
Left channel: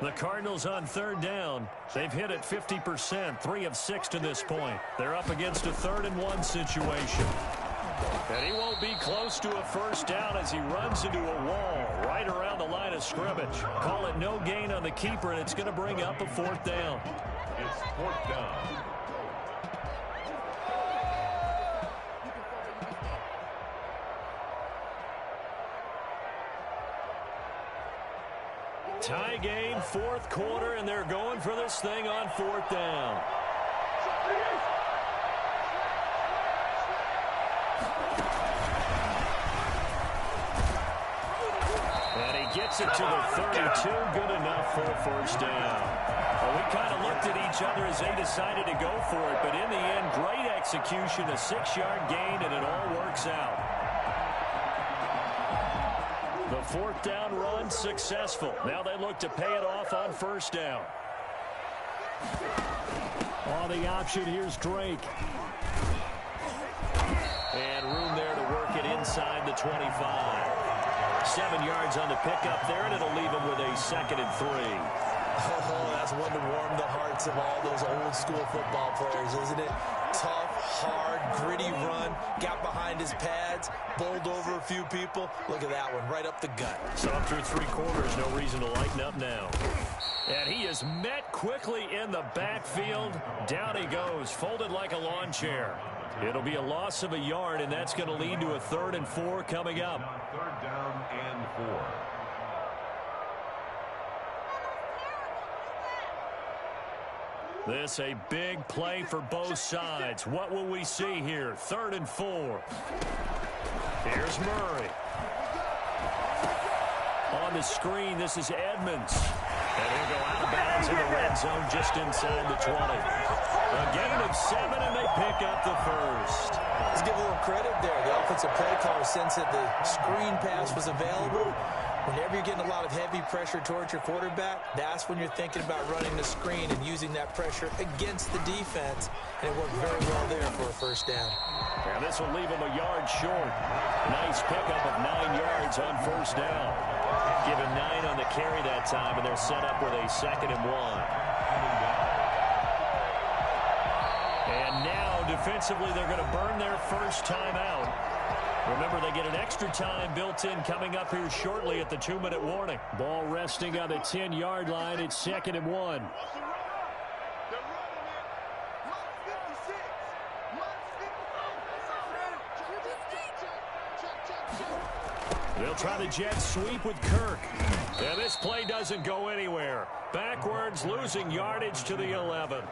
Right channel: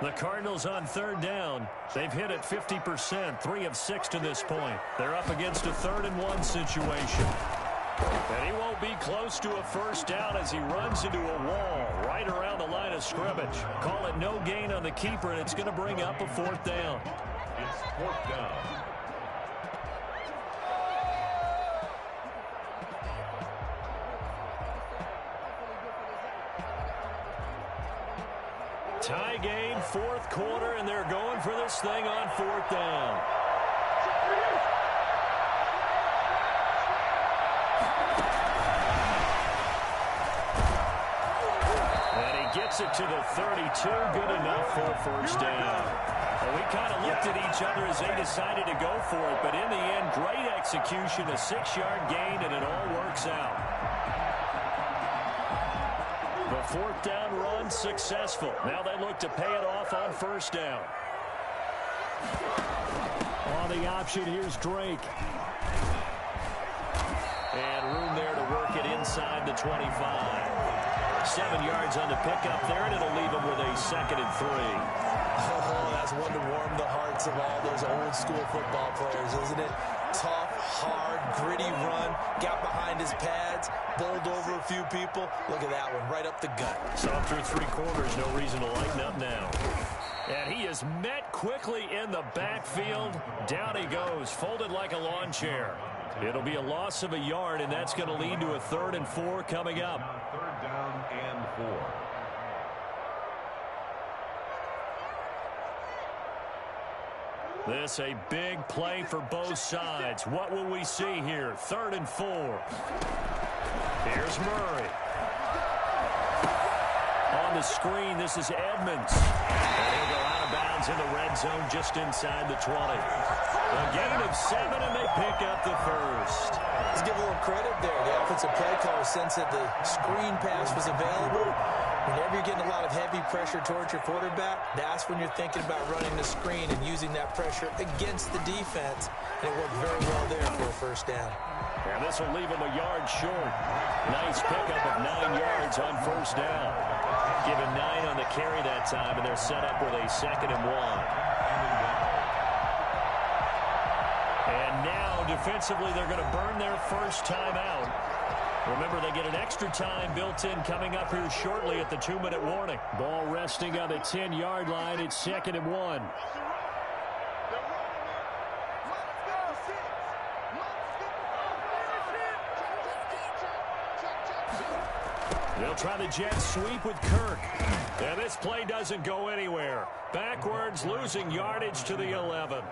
The Cardinals on 3rd down. They've hit it 50%, 3 of 6 to this point. They're up against a 3rd and 1 situation. And he won't be close to a first down as he runs into a wall right around the line of scrimmage. Call it no gain on the keeper, and it's going to bring up a 4th down. It's 4th down. Tie game, 4th quarter, and they're going for this thing on 4th down. And he gets it to the 32. Good enough for a first down. Well, we kind of looked at each other as they decided to go for it, but in the end, great execution, a 6-yard gain, and it all works out. The fourth down run successful. Now they look to pay it off on first down. On the option, here's Drake. And room there to work it inside the 25. 7 yards on the pickup there, and it'll leave him with a 2nd and 3. Oh, that's one to warm the hearts of all those old school football players, isn't it? Tough, hard, gritty run, got behind his pads, bowled over a few people. Look at that one, right up the gut. So through 3 quarters, no reason to lighten up now. And he is met quickly in the backfield. Down he goes, folded like a lawn chair. It'll be a loss of a yard, and that's going to lead to a 3rd and 4 coming up. Now 3rd down and 4. This a big play for both sides. What will we see here? 3rd and 4. Here's Murray. On the screen, this is Edmonds. And he'll go out of bounds in the red zone just inside the 20. A gain of 7, and they pick up the first. Let's give a little credit there. The offensive play caller sensed that the screen pass was available. Whenever you're getting a lot of heavy pressure towards your quarterback, that's when you're thinking about running the screen and using that pressure against the defense. And it worked very well there for a first down. And this will leave him a yard short. Nice pickup of 9 yards on first down. Given 9 on the carry that time, and they're set up with a 2nd and 1. And now, defensively, they're going to burn their first timeout. Remember, they get an extra time built in coming up here shortly at the 2-minute warning. Ball resting on the 10-yard line. It's 2nd and 1. They're running it. Minus 56. Minus 55. They'll try the jet sweep with Kirk. And this play doesn't go anywhere. Backwards, losing yardage to the 11.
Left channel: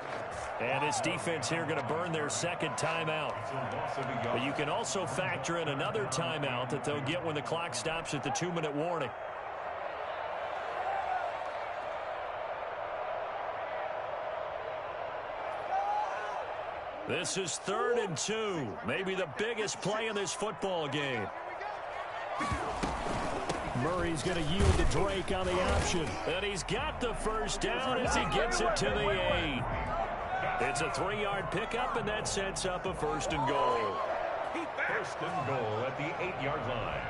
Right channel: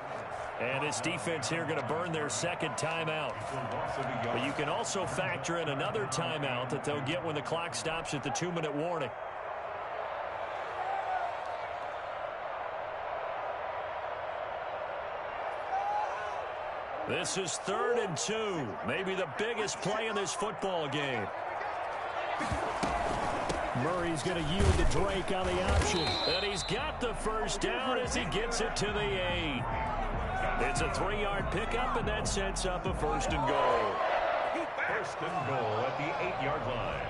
And this defense here going to burn their 2nd timeout. But you can also factor in another timeout that they'll get when the clock stops at the 2-minute warning. This is 3rd and 2. Maybe the biggest play in this football game. Murray's going to yield to Drake on the option. And he's got the first down as he gets it to the 8. It's a 3-yard pickup, and that sets up a 1st and goal. 1st and goal at the 8-yard line.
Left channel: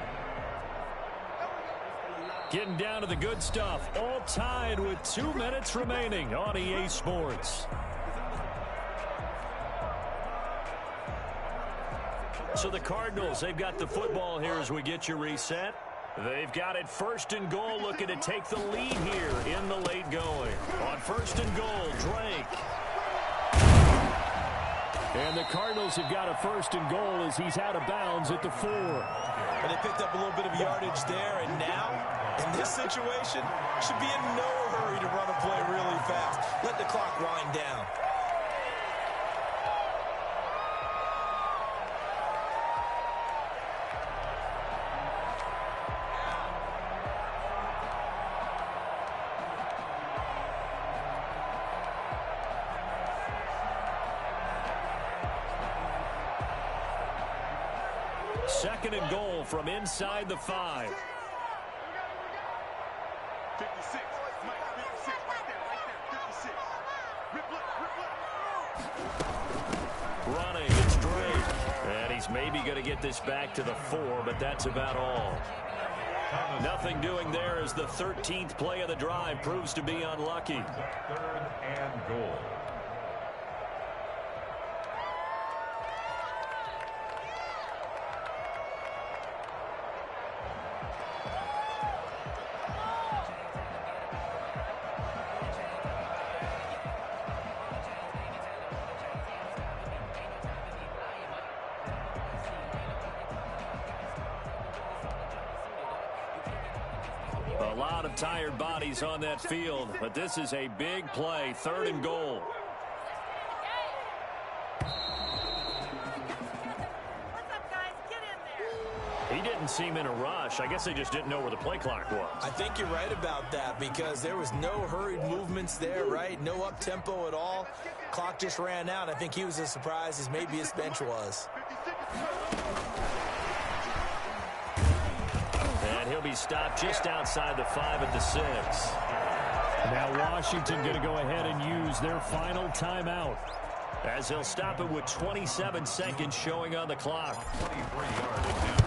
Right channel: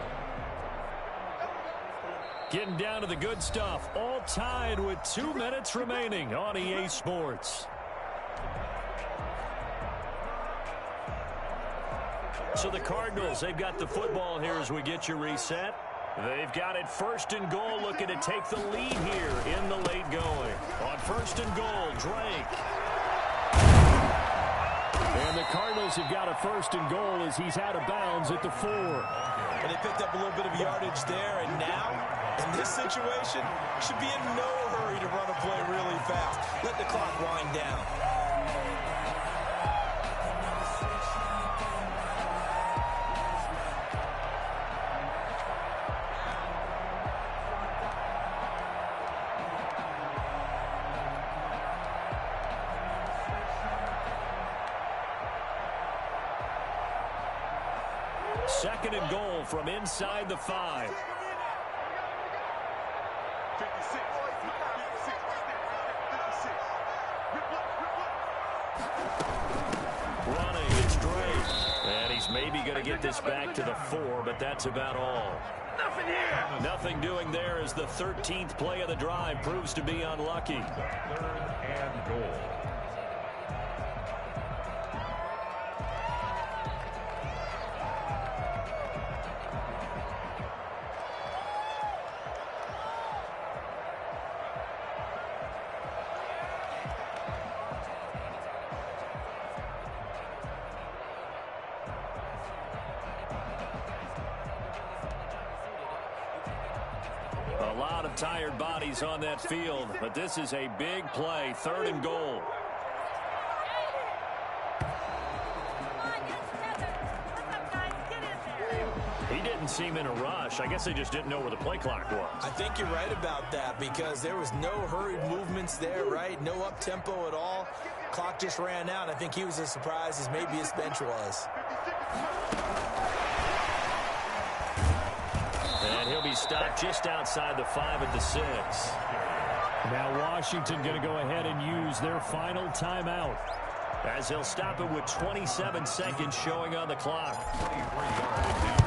Getting down to the good stuff. All tied with 2 minutes remaining on EA Sports. So the Cardinals, they've got the football here as we get you reset. They've got it 1st and goal, looking to take the lead here in the late going. On 1st and goal, Drake. And the Cardinals have got a 1st and goal as he's out of bounds at the 4. And they picked up a little bit of yardage there, and now, in this situation, should be in no hurry to run a play really fast. Let the clock wind down. Second and goal from inside the 5. 56. Mike, 56. Right there. 56. Rip left. Running, it's Drake. And he's maybe going to get this back to the 4, but that's about all. Nothing doing there as the 13th play of the drive proves to be unlucky. 3rd and goal. A lot of tired bodies on that field, but this is a big play. 3rd and goal. He didn't seem in a rush. I guess they just didn't know where the play clock was. I think you're right about that because there was no hurried movements there, right? No up-tempo at all. Clock just ran out. I think he was as surprised as maybe his bench was. And he'll be stopped just outside the 5 at the 6. Now Washington going to go ahead and use their final timeout, as he'll stop it with 27 seconds showing on the clock. 23-yard attempt.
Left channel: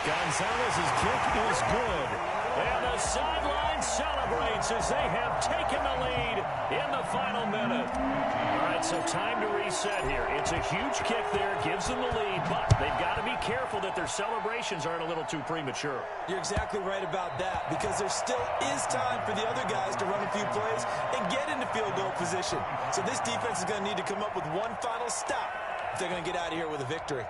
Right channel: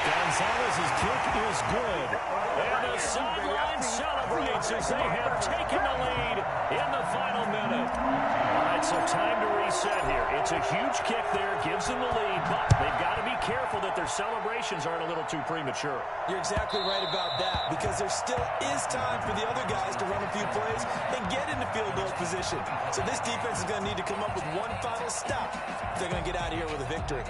Gonzalez's kick is good. And the sideline celebrates as they have taken the lead in the final minute. All right, so time to reset here. It's a huge kick there, gives them the lead, but they've got to be careful that their celebrations aren't a little too premature. You're exactly right about that because there still is time for the other guys to run a few plays and get into field goal position. So this defense is going to need to come up with one final stop if they're going to get out of here with a victory.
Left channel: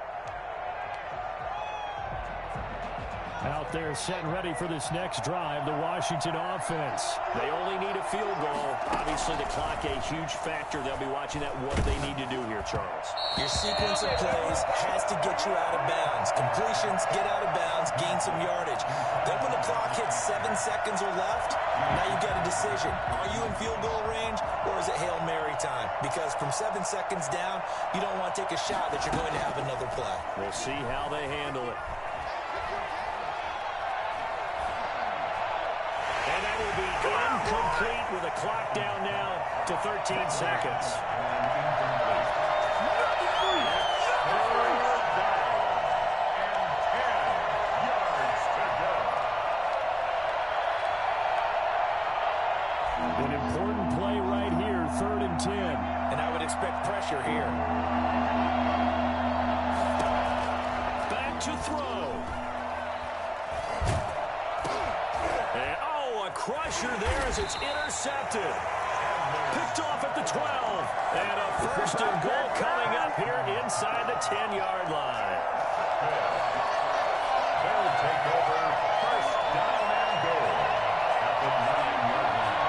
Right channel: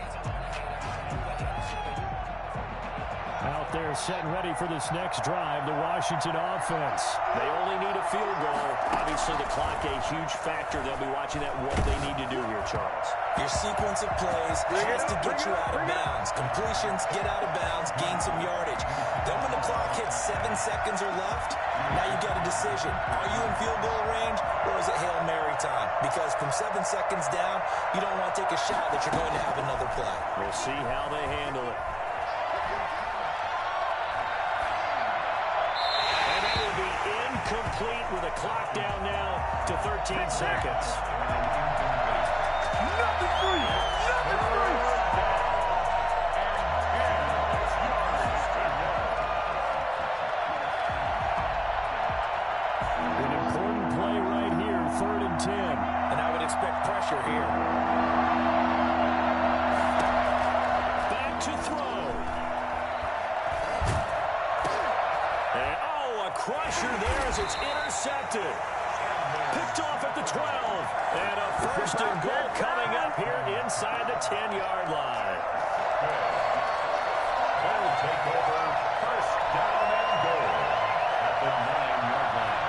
out there set and ready for this next drive, the Washington offense. They only need a field goal. Obviously, the clock a huge factor. They'll be watching that, what they need to do here, Charles. Your sequence of plays has to get you out of bounds. Completions, get out of bounds, gain some yardage. Then when the clock hits 7 seconds or left, now you get a decision. Are you in field goal range or is it Hail Mary time? Because from 7 seconds down, you don't want to take a shot that you're going to have another play. We'll see how they handle it. And that will be incomplete with a clock down now to 13 seconds. Nothing free! Nothing free! An important play right here, 3rd and 10. And I would expect pressure here. Back to throw. And, a crusher there as it's intercepted. Picked off at the 12. And a 1st and goal coming up here inside the 10-yard line. They'll take over 1st down and goal at the 9-yard line.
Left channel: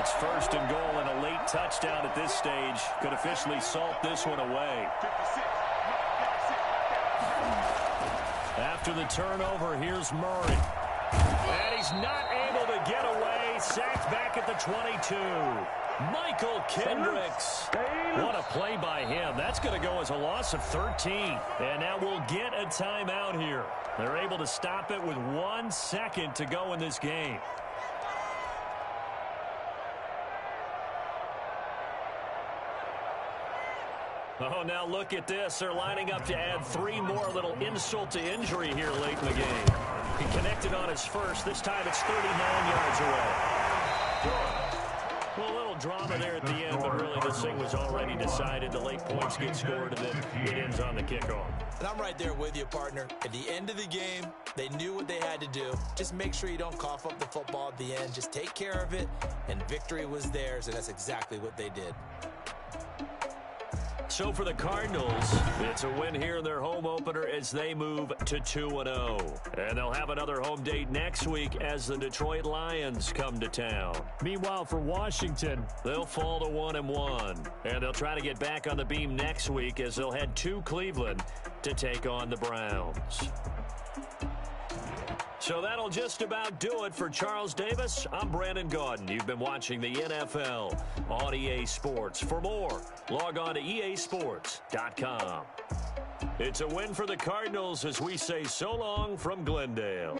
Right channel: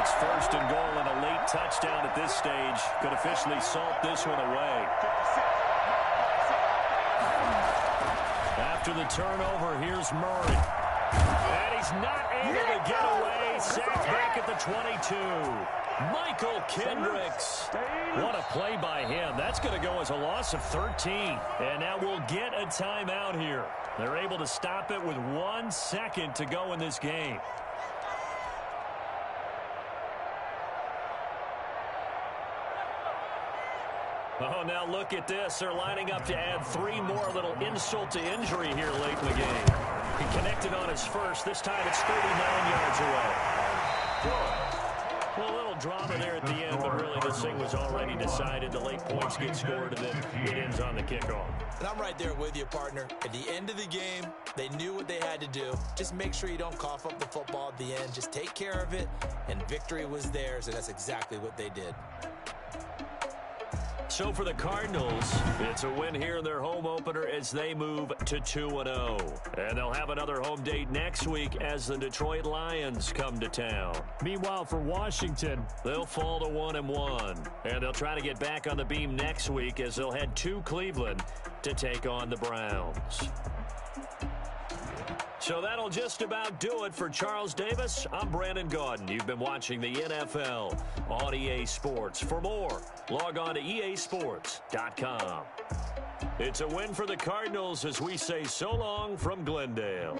It's 1st and goal and a late touchdown at this stage. Could officially salt this one away. After the turnover, here's Murray. And he's not able to get away. Sacked back at the 22. Michael Kendricks. What a play by him. That's going to go as a loss of 13. And now we'll get a timeout here. They're able to stop it with 1 second to go in this game. Oh, now look at this. They're lining up to add 3 more. Little insult to injury here late in the game. He connected on his first. This time it's 39 yards away. Well, a little drama there at the end, but really this thing was already decided. The late points get scored, and then it ends on the kickoff. And I'm right there with you, partner. At the end of the game, they knew what they had to do. Just make sure you don't cough up the football at the end. Just take care of it, and victory was theirs, and that's exactly what they did. So for the Cardinals, it's a win here in their home opener as they move to 2-0. And they'll have another home date next week as the Detroit Lions come to town. Meanwhile, for Washington, they'll fall to 1-1. And they'll try to get back on the beam next week as they'll head to Cleveland to take on the Browns. So that'll just about do it for Charles Davis. I'm Brandon Gaudin. You've been watching the NFL on EA Sports. For more, log on to easports.com. It's a win for the Cardinals as we say so long from Glendale.